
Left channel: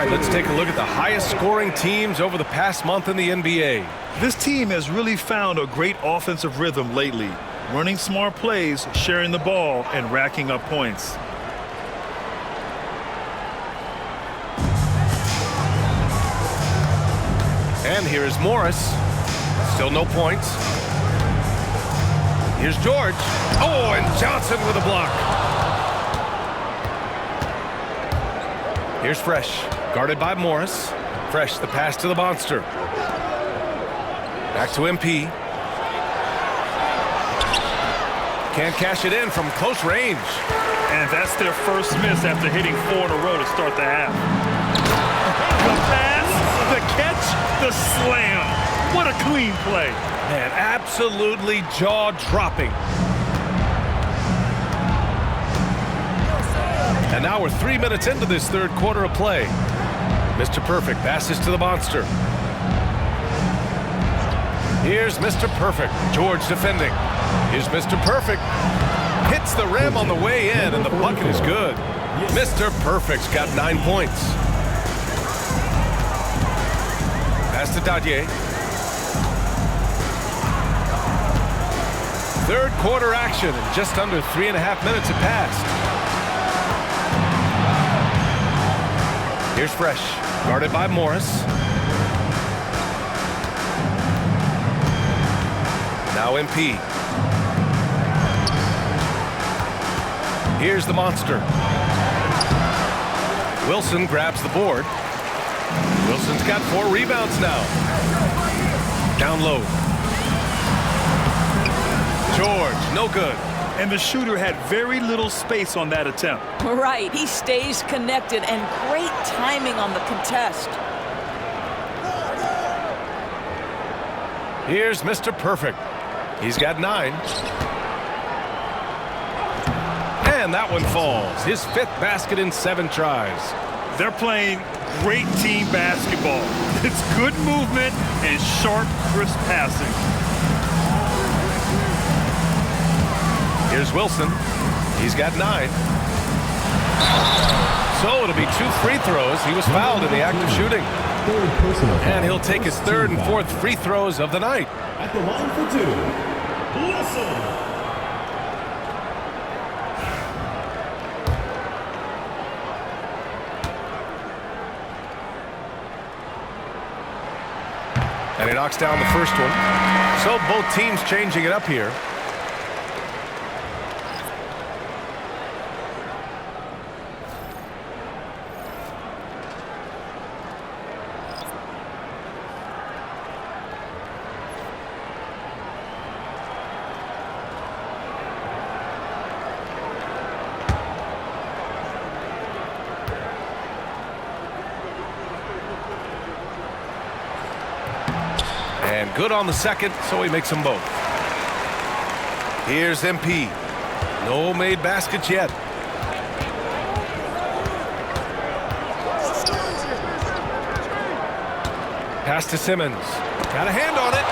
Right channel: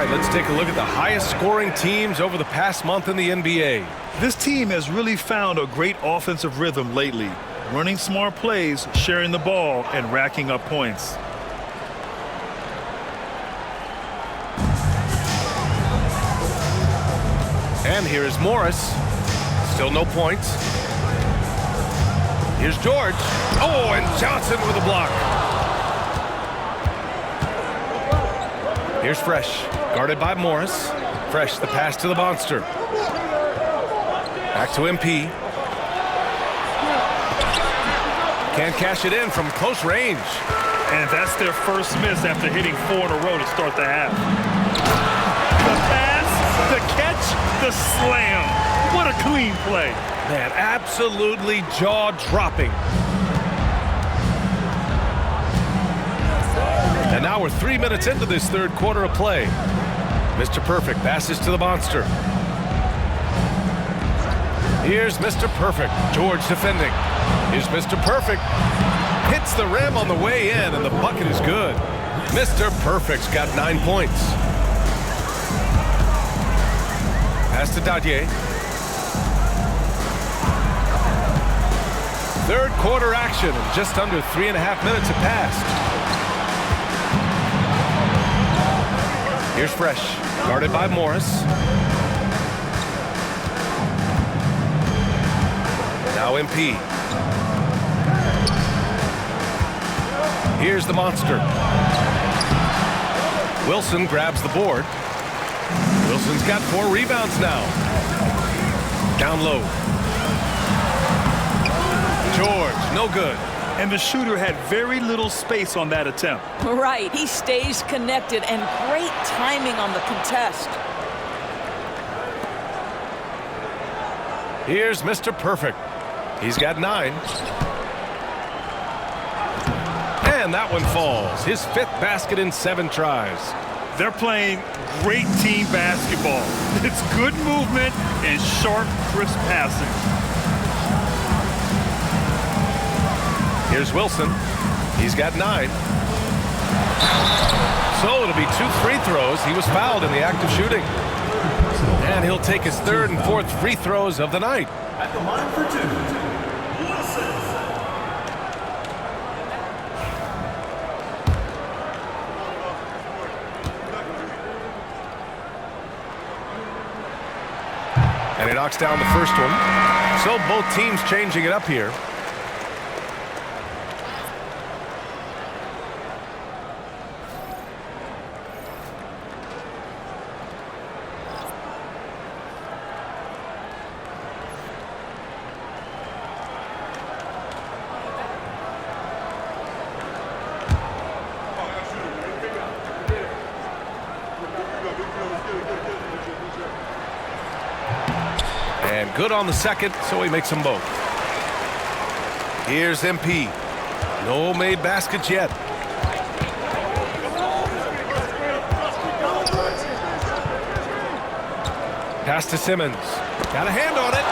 All right, let's take a look at the highest scoring teams over the past month in the NBA. This team has really found a great offensive rhythm lately, running smart plays, sharing the ball, and racking up points. And here is Morris. Still no points. Here's George. Oh, and Johnson with a block. Here's Fresh, guarded by Morris. Fresh, the pass to the monster. Back to MP. Can't cash it in from close range. And that's their first miss after hitting 4 in a row to start the half. The pass, the catch, the slam. What a clean play. Man, absolutely jaw-dropping. And now we're 3 minutes into this third quarter of play. Mr. Perfect passes to the monster. Here's Mr. Perfect. George defending. Here's Mr. Perfect. Hits the rim on the way in, and the bucket is good. Mr. Perfect's got 9 points. Pass to Dadier. Third quarter action, and just under 3.5 minutes have passed. Here's Fresh, guarded by Morris. Now MP. Here's the monster. Wilson grabs the board. Wilson's got 4 rebounds now. Down low. George, no good. And the shooter had very little space on that attempt. Right, he stays connected, and great timing on the contest. Here's Mr. Perfect. He's got 9. And that one falls. His 5th basket in 7 tries. They're playing great team basketball. It's good movement and sharp, crisp passing. Here's Wilson. He's got 9. So it'll be 2 free throws. He was fouled in the act of shooting. And he'll take his 3rd and 4th free throws of the night. At the line for 2. he knocks down the first one. So both teams changing it up here. And good on the second, so he makes them both. Here's MP. No made baskets yet. Pass to Simmons. Got a hand on it.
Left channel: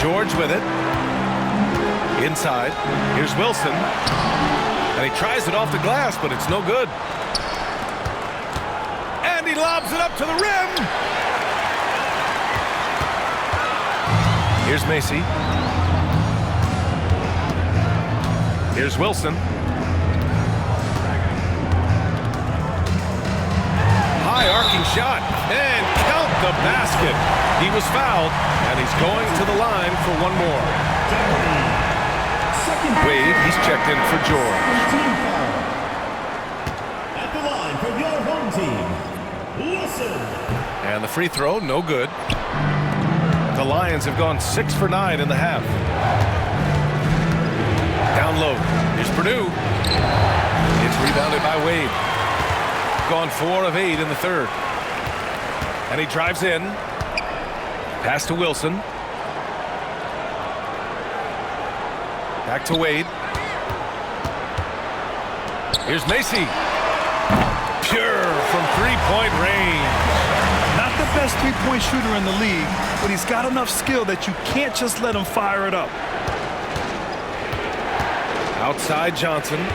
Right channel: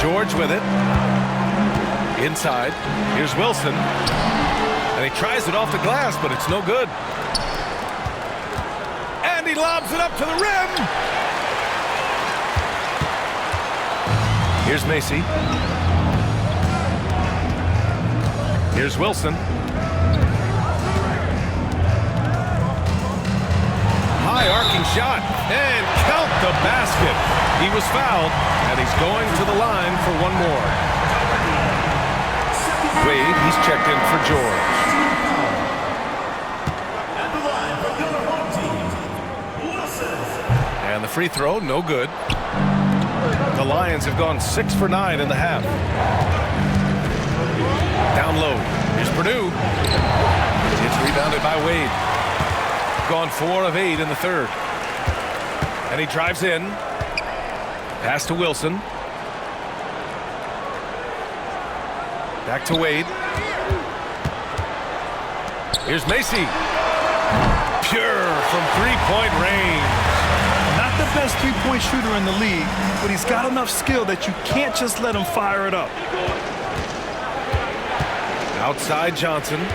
George with it. Inside. Here's Wilson. And he tries it off the glass, but it's no good. And he lobs it up to the rim. Here's Macy. Here's Wilson. High arcing shot. And count the basket. He was fouled, and he's going to the line for one more. Wade, he's checked in for George. At the line for your home team, Wilson. And the free throw, no good. The Lions have gone 6 for 9 in the half. Down low. Here's Purdue. It's rebounded by Wade. Gone 4 of 8 in the third. And he drives in. Pass to Wilson. Back to Wade. Here's Macy. Pure from three-point range. Not the best three-point shooter in the league, but he's got enough skill that you can't just let him fire it up. Outside Johnson.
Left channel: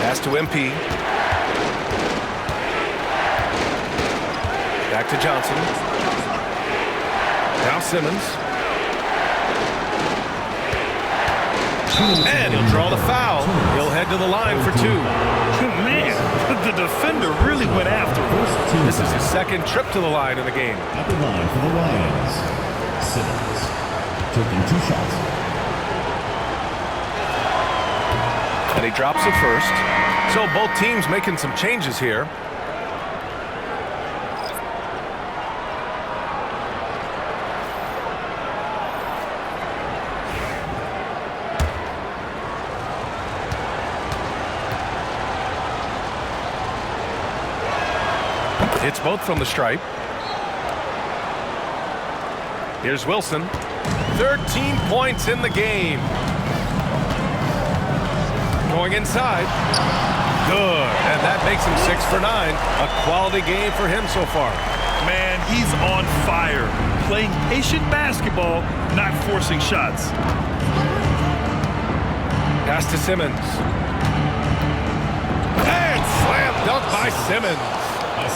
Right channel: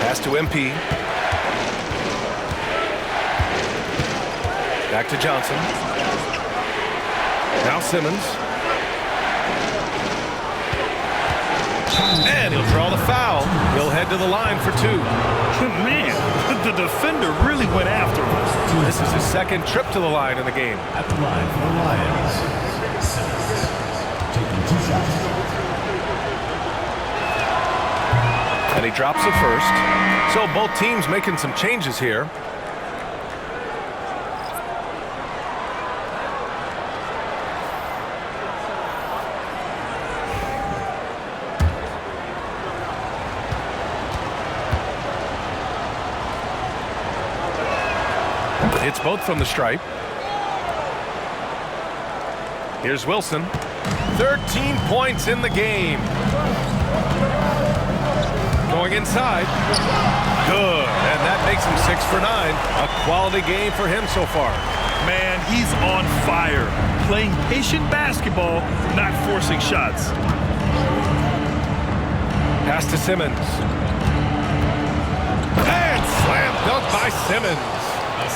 Pass to MP. Back to Johnson. Now Simmons. And he'll draw the foul. He'll head to the line for 2. Man, the defender really went after him. This is his second trip to the line in the game. At the line for the Lions, Simmons. Taking 2 shots. And he drops it first. So both teams making some changes here. It's both from the stripe. Here's Wilson. 13 points in the game. Going inside. Good. And that makes him 6 for 9. A quality game for him so far. Man, he's on fire. Playing patient basketball, not forcing shots. Pass to Simmons. And slam dunk by Simmons.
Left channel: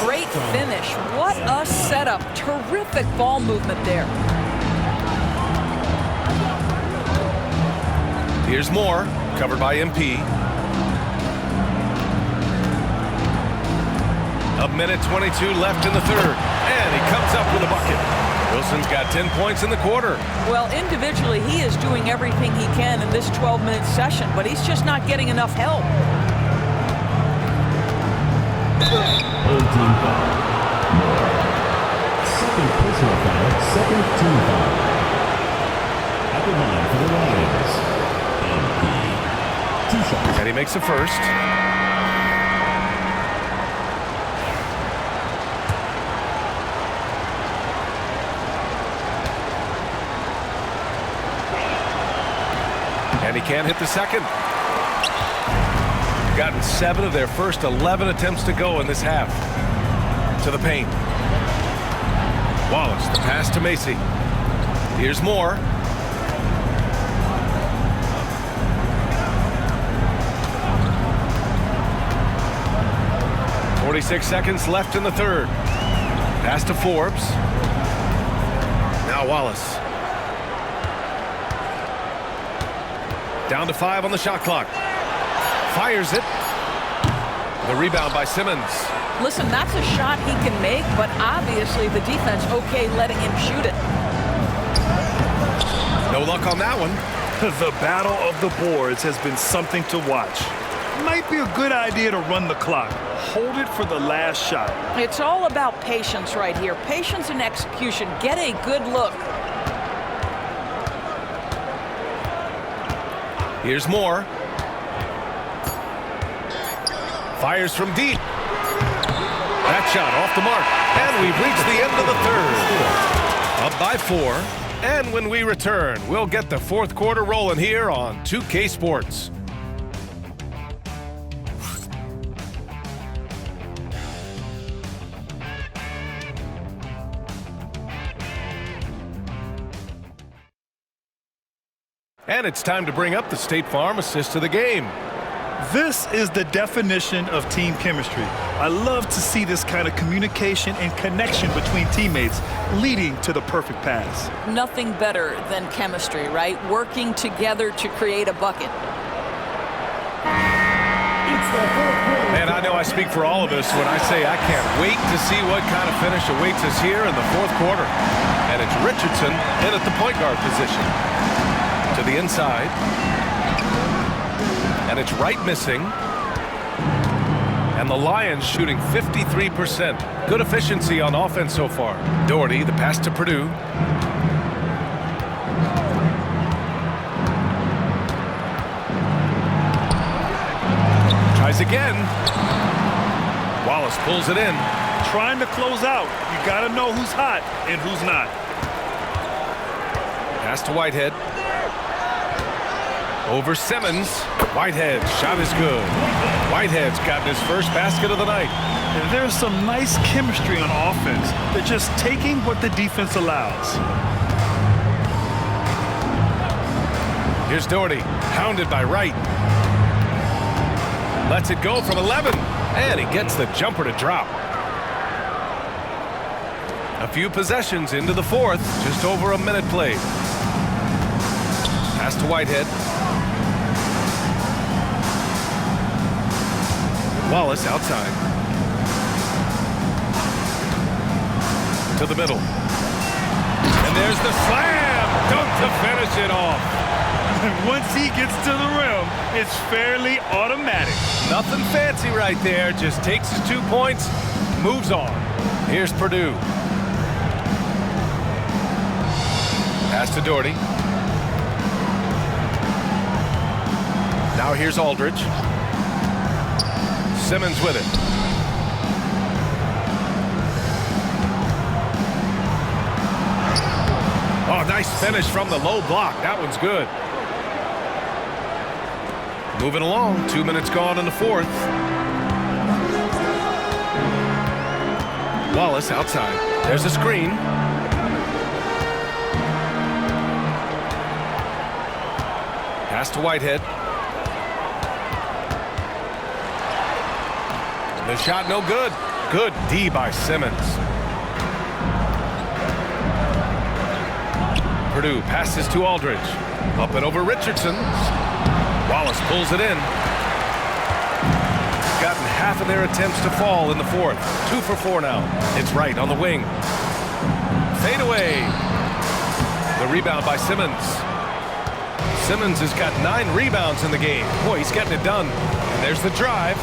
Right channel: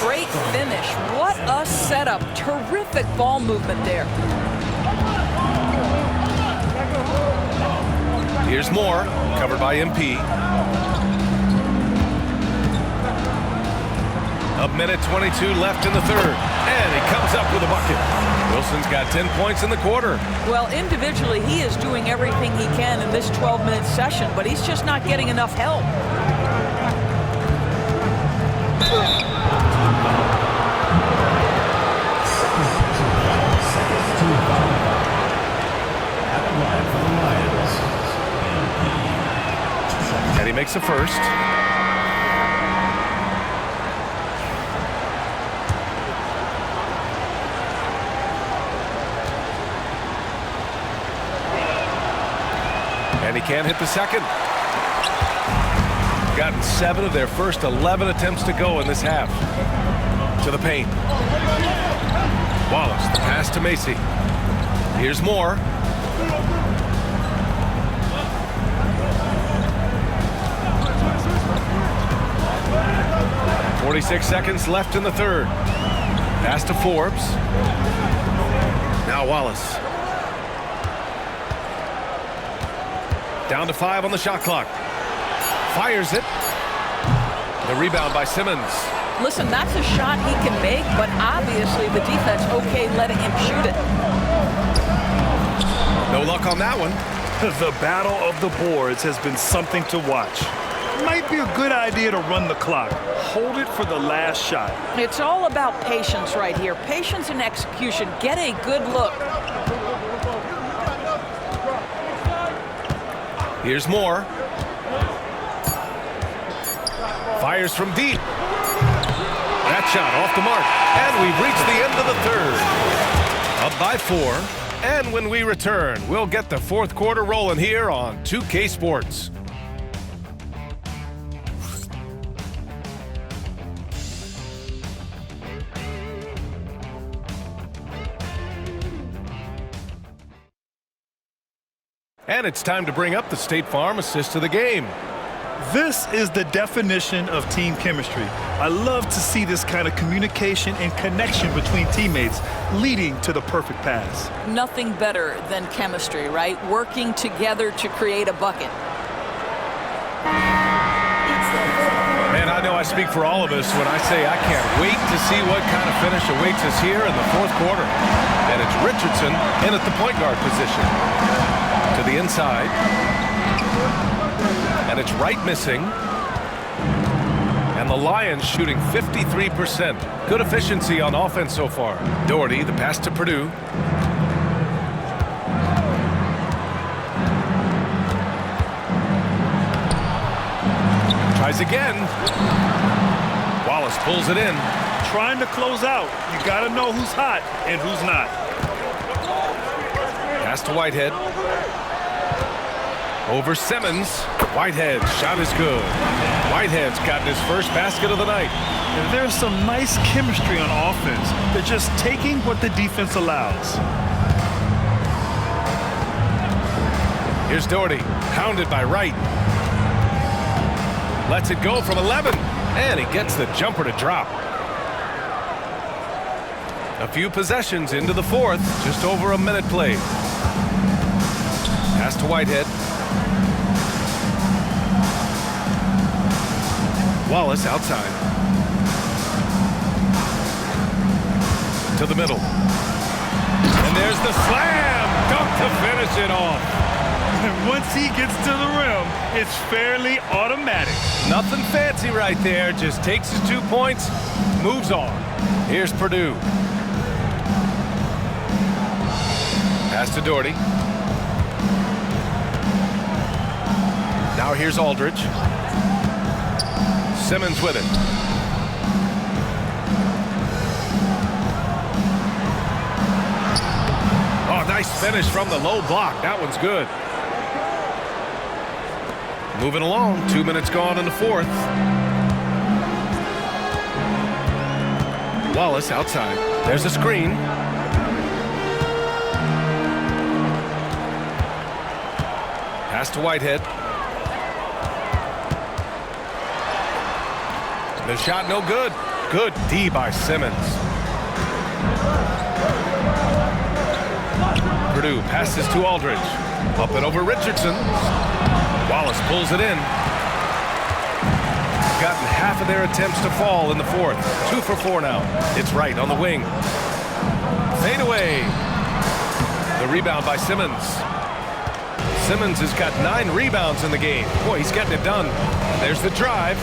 Great finish. What a setup. Terrific ball movement there. Here's Moore, covered by MP. A minute 22 left in the third. And he comes up with a bucket. Wilson's got 10 points in the quarter. Well, individually, he is doing everything he can in this 12-minute session, but he's just not getting enough help. Team foul. Second personal foul, second team foul. At the line for the Lions, MP. 2 shots. And he makes the first. And he can't hit the second. Gotten 7 of their first 11 attempts to go in this half. To the paint. Wallace, the pass to Macy. Here's Moore. .46 seconds left in the third. Pass to Forbes. Now Wallace. Down to 5 on the shot clock. Fires it. The rebound by Simmons. Listen, that's a shot he can make, but obviously the defense okay letting him shoot it. No luck on that one. The battle of the boards has been something to watch. Might be a good idea to run the clock. Hold it for the last shot. It's all about patience right here. Patience and execution. Get a good look. Here's more. Fires from deep. That shot off the mark. And we've reached the end of the third. Up by 4. And when we return, we'll get the fourth quarter rolling here on 2K Sports. And it's time to bring up the State Farm assist to the game. This is the definition of team chemistry. I love to see this kind of communication and connection between teammates leading to the perfect pass. Nothing better than chemistry, right? Working together to create a bucket. Man, I know I speak for all of us when I say I can't wait to see what kind of finish awaits us here in the fourth quarter. And it's Richardson in at the point guard position. To the inside. And it's Wright missing. And the Lions shooting 53%. Good efficiency on offense so far. Doherty, the pass to Purdue. Tries again. Wallace pulls it in. Trying to close out. You got to know who's hot and who's not. Pass to Whitehead. Over Simmons. Whitehead, shot is good. Whitehead's gotten his first basket of the night. And there's some nice chemistry on offense. They're just taking what the defense allows. Here's Doherty, hounded by Wright. Lets it go from 11, and he gets the jumper to drop. A few possessions into the fourth, just over a minute played. Pass to Whitehead. Wallace outside. To the middle. And there's the slam dunk to finish it off. And once he gets to the rim, it's fairly automatic. Nothing fancy right there. Just takes his 2 points, moves on. Here's Purdue. Pass to Doherty. Now here's Aldridge. Simmons with it. Oh, nice finish from the low block. That one's good. Moving along. 2 minutes gone in the fourth. Wallace outside. There's a screen. Pass to Whitehead. The shot no good. Good D by Simmons. Purdue passes to Aldridge. Up and over Richardson. Wallace pulls it in. Gotten half of their attempts to fall in the fourth. 2 for 4 now. It's Wright on the wing. Fade away. The rebound by Simmons. Simmons has got 9 rebounds in the game. Boy, he's getting it done. And there's the drive.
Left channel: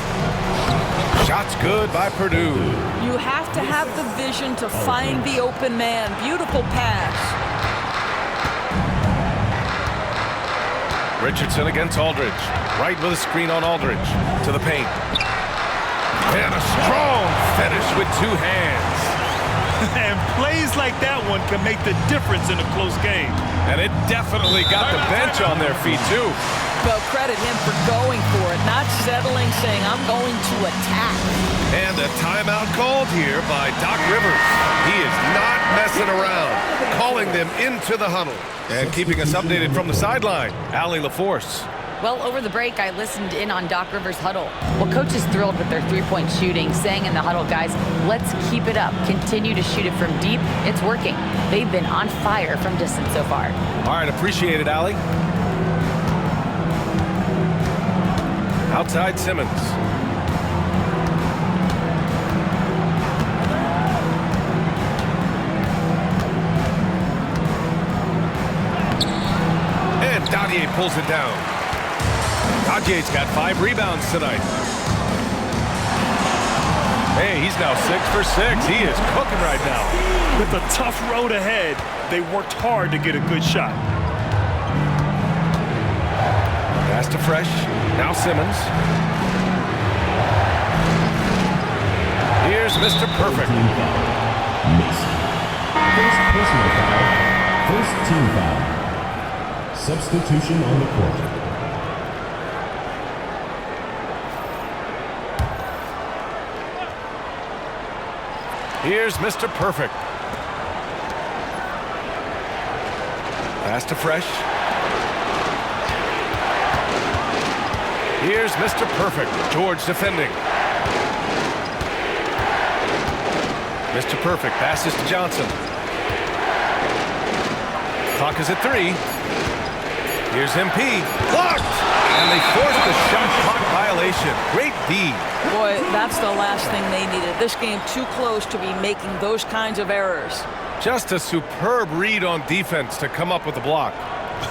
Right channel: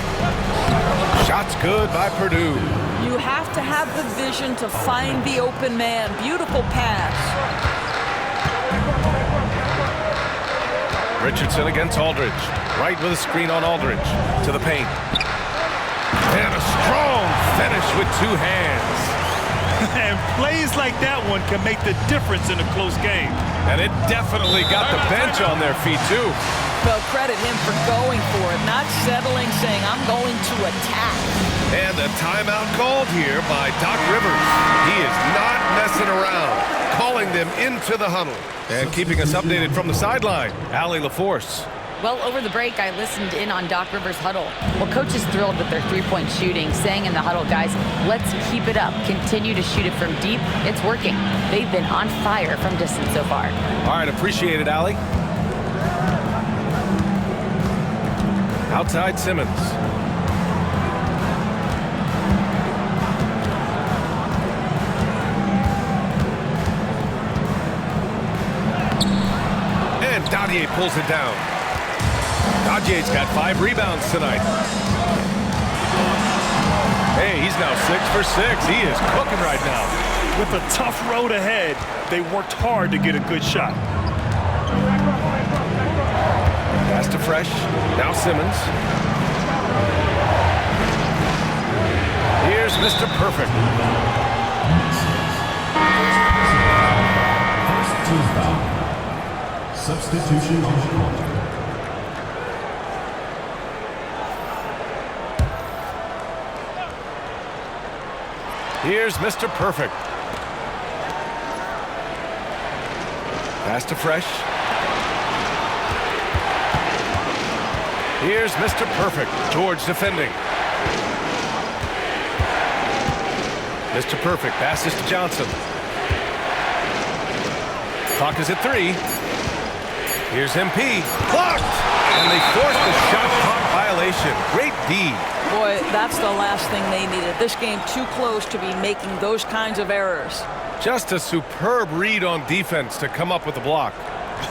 Shot's good by Purdue. You have to have the vision to find the open man. Beautiful pass. Richardson against Aldridge. Right with a screen on Aldridge. To the paint. And a strong finish with 2 hands. And plays like that one can make the difference in a close game. And it definitely got the bench on their feet, too. Well, credit him for going for it, not settling, saying, I'm going to attack. And a timeout called here by Doc Rivers. He is not messing around, calling them into the huddle. And keeping us updated from the sideline, Allie LaForce. Well, over the break, I listened in on Doc Rivers' huddle. Well, coach is thrilled with their three-point shooting, saying in the huddle, guys, let's keep it up. Continue to shoot it from deep. It's working. They've been on fire from distance so far. All right, appreciate it, Allie. Outside Simmons. And Dadier pulls it down. Dadier's got 5 rebounds tonight. Hey, he's now 6 for 6. He is cooking right now. With a tough road ahead, they worked hard to get a good shot. Pass to Fresh. Now Simmons. Here's Mr. Perfect. First personal foul. First team foul. Substitution on the court. Here's Mr. Perfect. Pass to Fresh. Here's Mr. Perfect. George defending. Mr. Perfect passes to Johnson. Clock is at 3. Here's MP. Blocked! And they forced the shot clock violation. Great D. Boy, that's the last thing they needed. This game too close to be making those kinds of errors. Just a superb read on defense to come up with the block.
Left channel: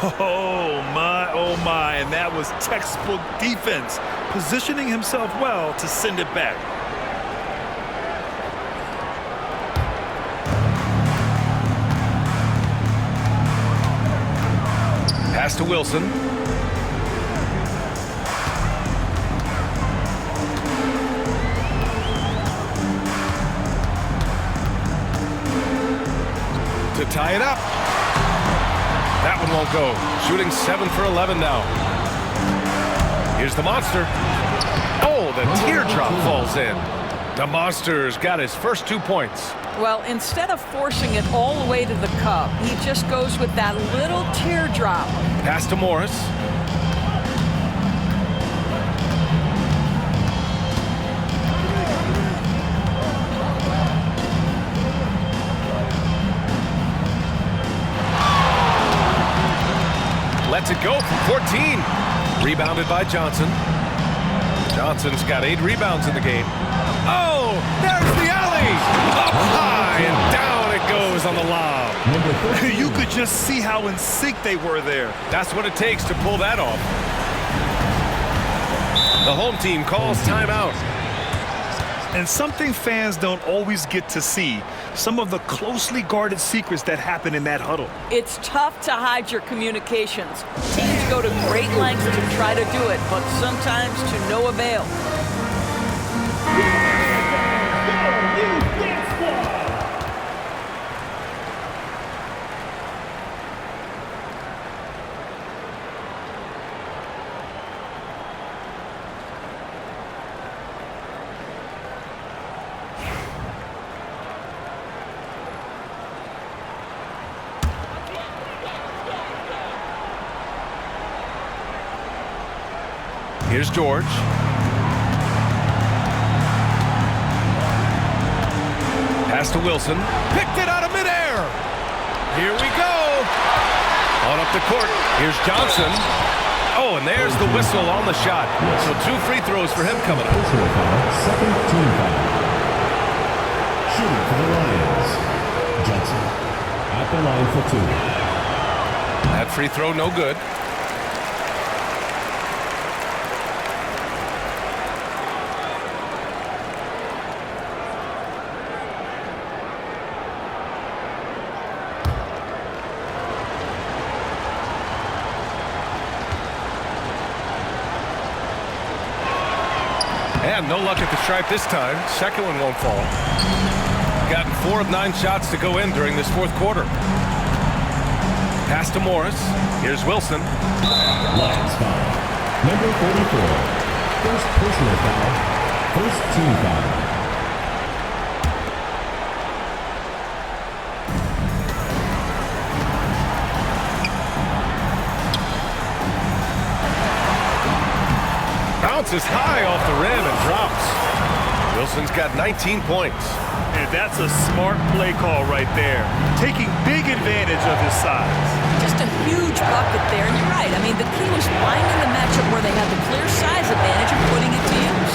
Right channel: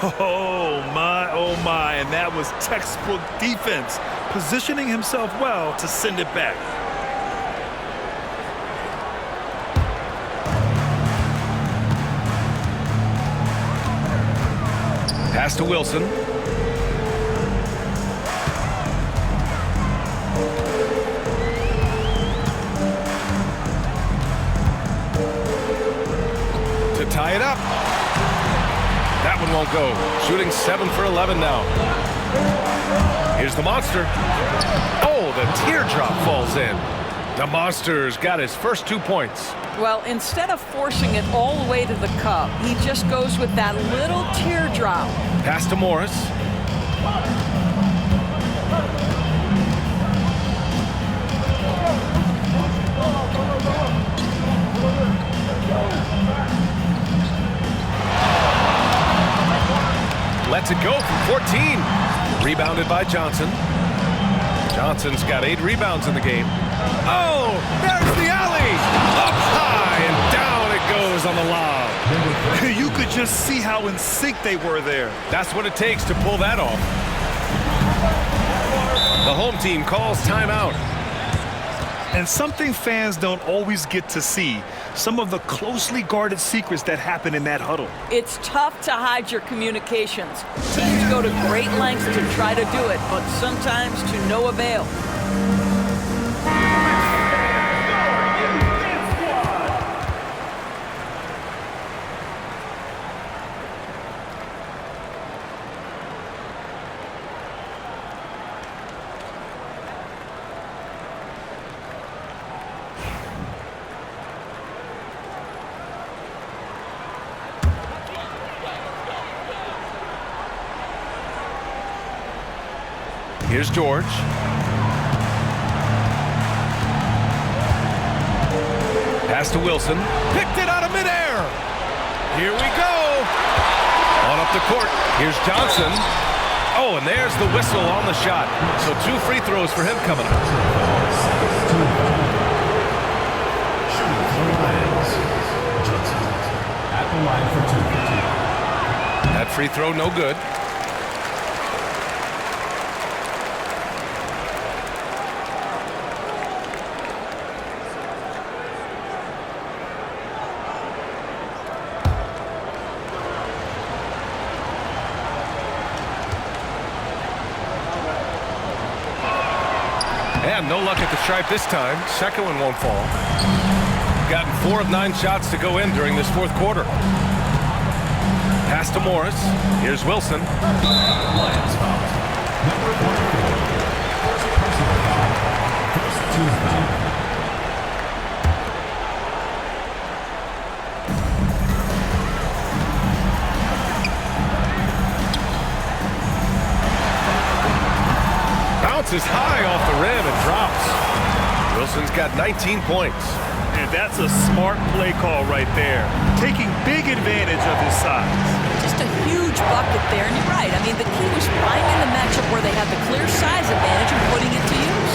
Oh my, and that was textbook defense, positioning himself well to send it back. Pass to Wilson. To tie it up. That one won't go. Shooting 7 for 11 now. Here's the Monster. Oh, the teardrop falls in. The Monster's got his first 2 points. Well, instead of forcing it all the way to the cup, he just goes with that little teardrop. Pass to Morris. Lets it go from 14. Rebounded by Johnson. Johnson's got 8 rebounds in the game. Oh, there's the alley! Up high and down it goes on the lob. You could just see how in sync they were there. That's what it takes to pull that off. The home team calls timeout. And something fans don't always get to see, some of the closely guarded secrets that happen in that huddle. It's tough to hide your communications. Teams go to great lengths to try to do it, but sometimes to no avail. Here's George. Pass to Wilson. Picked it out of midair. Here we go. On up the court. Here's Johnson. Oh, and there's the whistle on the shot. So 2 free throws for him coming up. Second team foul. Shooting for the Lions. Johnson at the line for 2. That free throw no good. And no luck at the stripe this time. Second one won't fall. Gotten 4 of 9 shots to go in during this 4th quarter. Pass to Morris. Here's Wilson. Lions foul. Number 44. First personal foul. First team foul. Bounces high off the rim and drops. Wilson's got 19 points. And that's a smart play call right there, taking big advantage of his size. Just a huge bucket there, and you're right. I mean, the key was finding the matchup where they had the clear size advantage and putting it to use.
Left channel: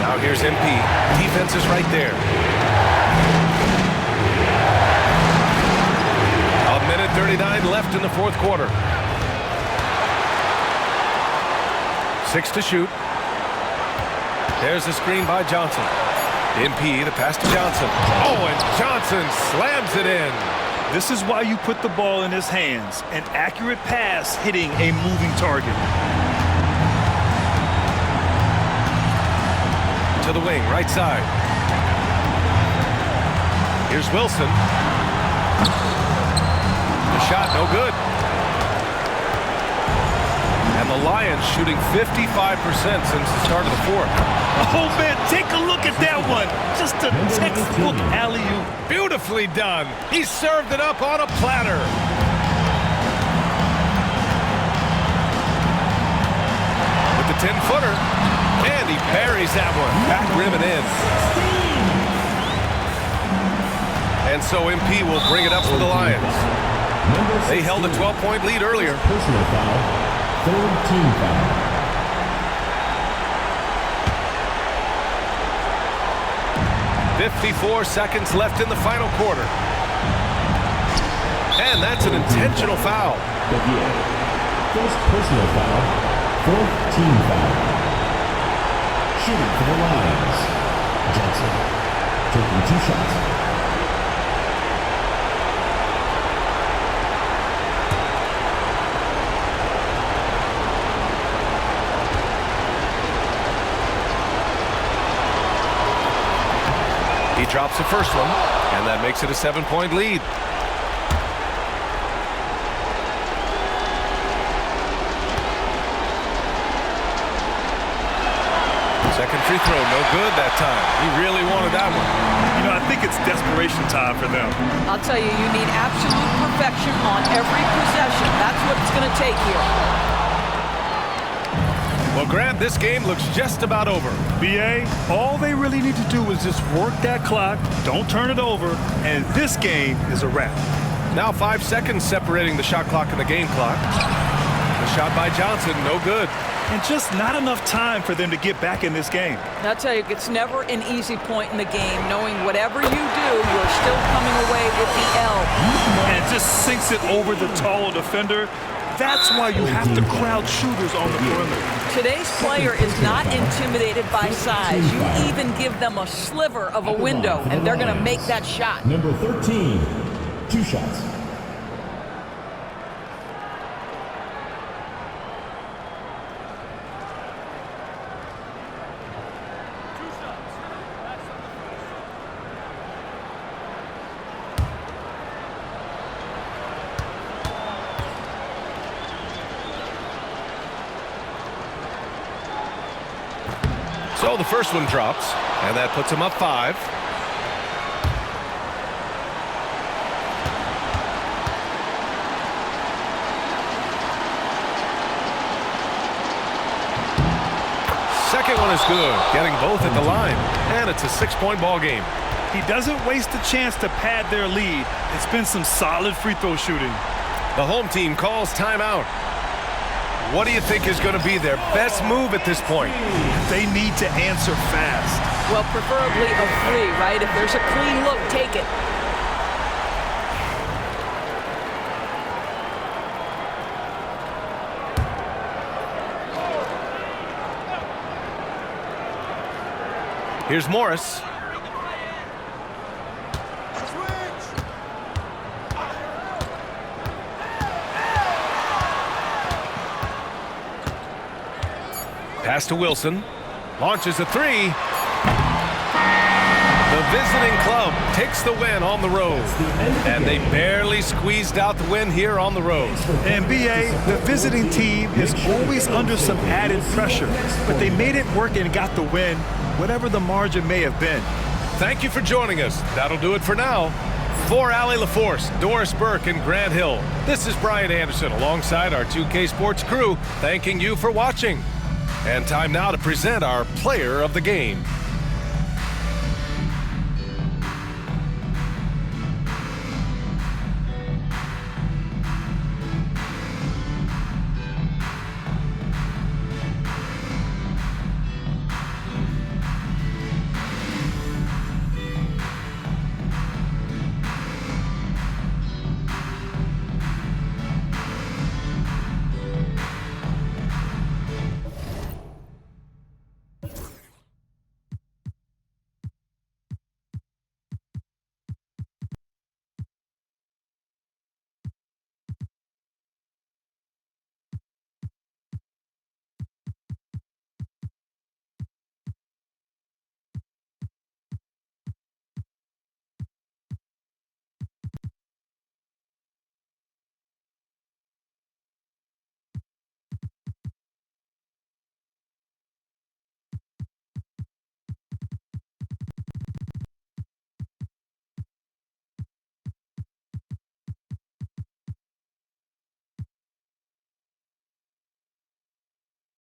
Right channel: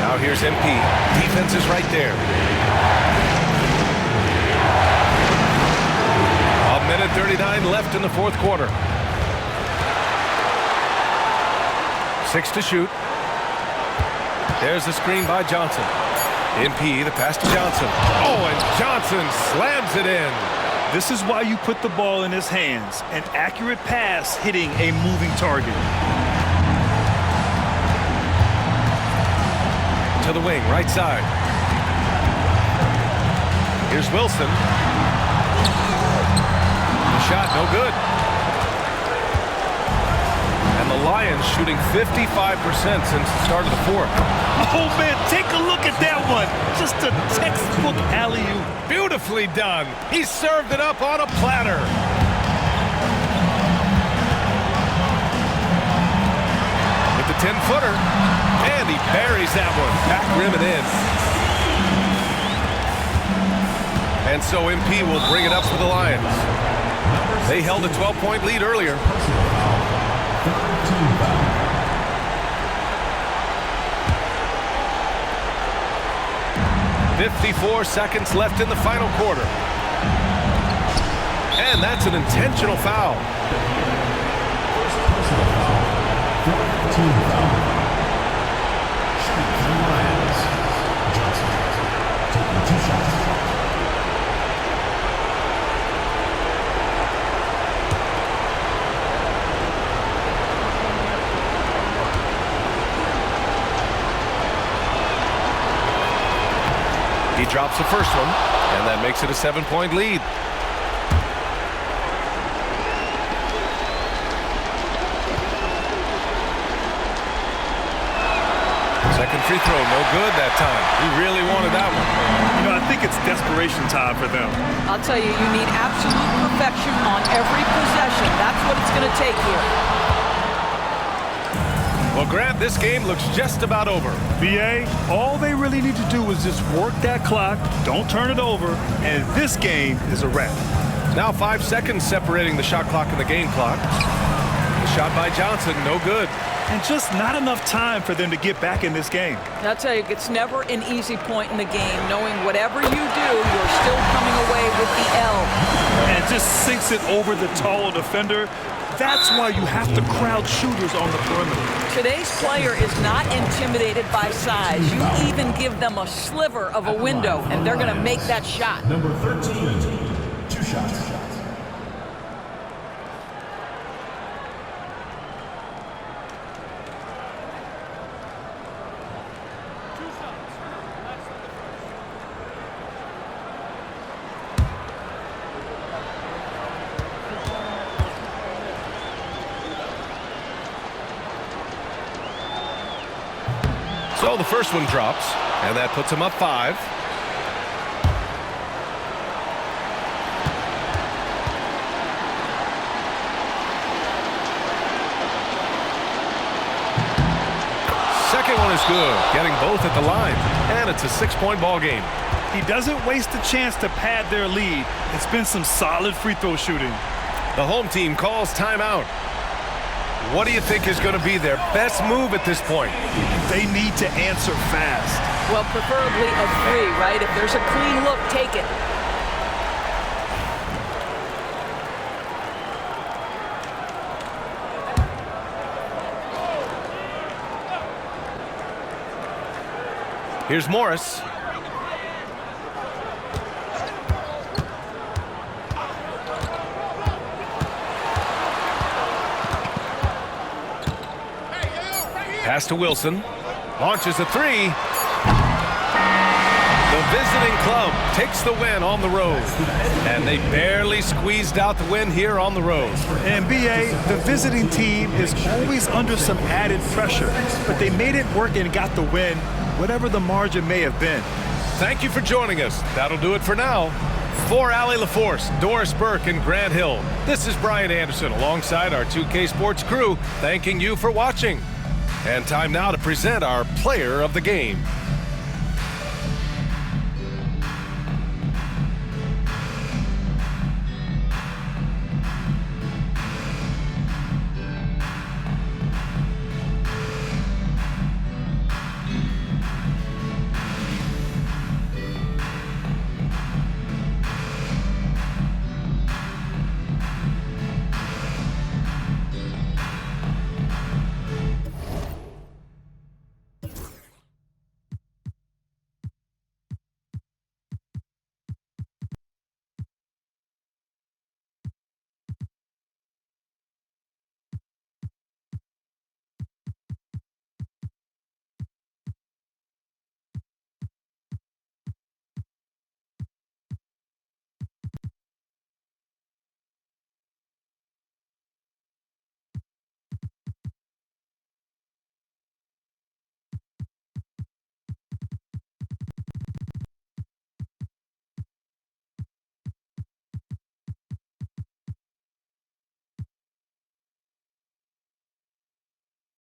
Now here's MP. Defense is right there. minute 39 left in the fourth quarter. 6 to shoot. There's the screen by Johnson. MP, the pass to Johnson. Oh, and Johnson slams it in. This is why you put the ball in his hands. An accurate pass hitting a moving target. To the wing, right side. Here's Wilson. The shot, no good. And the Lions shooting 55% since the start of the fourth. Oh, man, take a look at that one. Just a textbook alley-oop. Beautifully done. He served it up on a platter. With the 10-footer. And he buries that one. Back rim and in. And so MP will bring it up for the Lions. They held a 12-point lead earlier. Personal foul. Third team foul. .54 seconds left in the final quarter. And that's an intentional foul. First personal foul. Fourth team foul. Shooting for the Lions. Johnson taking 2 shots. He drops the first one, and that makes it a 7-point lead. Second free throw, no good that time. He really wanted that one. You know, I think it's desperation time for them. I'll tell you, you need absolute perfection on every possession. That's what it's going to take here. Well, Grant, this game looks just about over. BA, all they really need to do is just work that clock, don't turn it over, and this game is a wrap. Now 5 seconds separating the shot clock and the game clock. The shot by Johnson, no good. And just not enough time for them to get back in this game. I'll tell you, it's never an easy point in the game, knowing whatever you do, you're still coming away with the L. And it just sinks it over the taller defender. That's why you have to crowd shooters on the perimeter. Today's player is not intimidated by size. You even give them a sliver of a window, and they're going to make that shot. Number 13, 2 shots. So the first one drops, and that puts him up 5. Second one is good, getting both at the line, and it's a 6-point ball game. He doesn't waste a chance to pad their lead. It's been some solid free throw shooting. The home team calls timeout. What do you think is going to be their best move at this point? They need to answer fast. Well, preferably a 3, right? If there's a clean look, take it. Here's Morris. Pass to Wilson. Launches a 3. The visiting club takes the win on the road. And they barely squeezed out the win here on the road. And BA, the visiting team is always under some added pressure, but they made it work and got the win, whatever the margin may have been. Thank you for joining us. That'll do it for now. For Allie LaForce, Doris Burke, and Grant Hill, this is Brian Anderson alongside our 2K Sports crew, thanking you for watching. And time now to present our player of the game.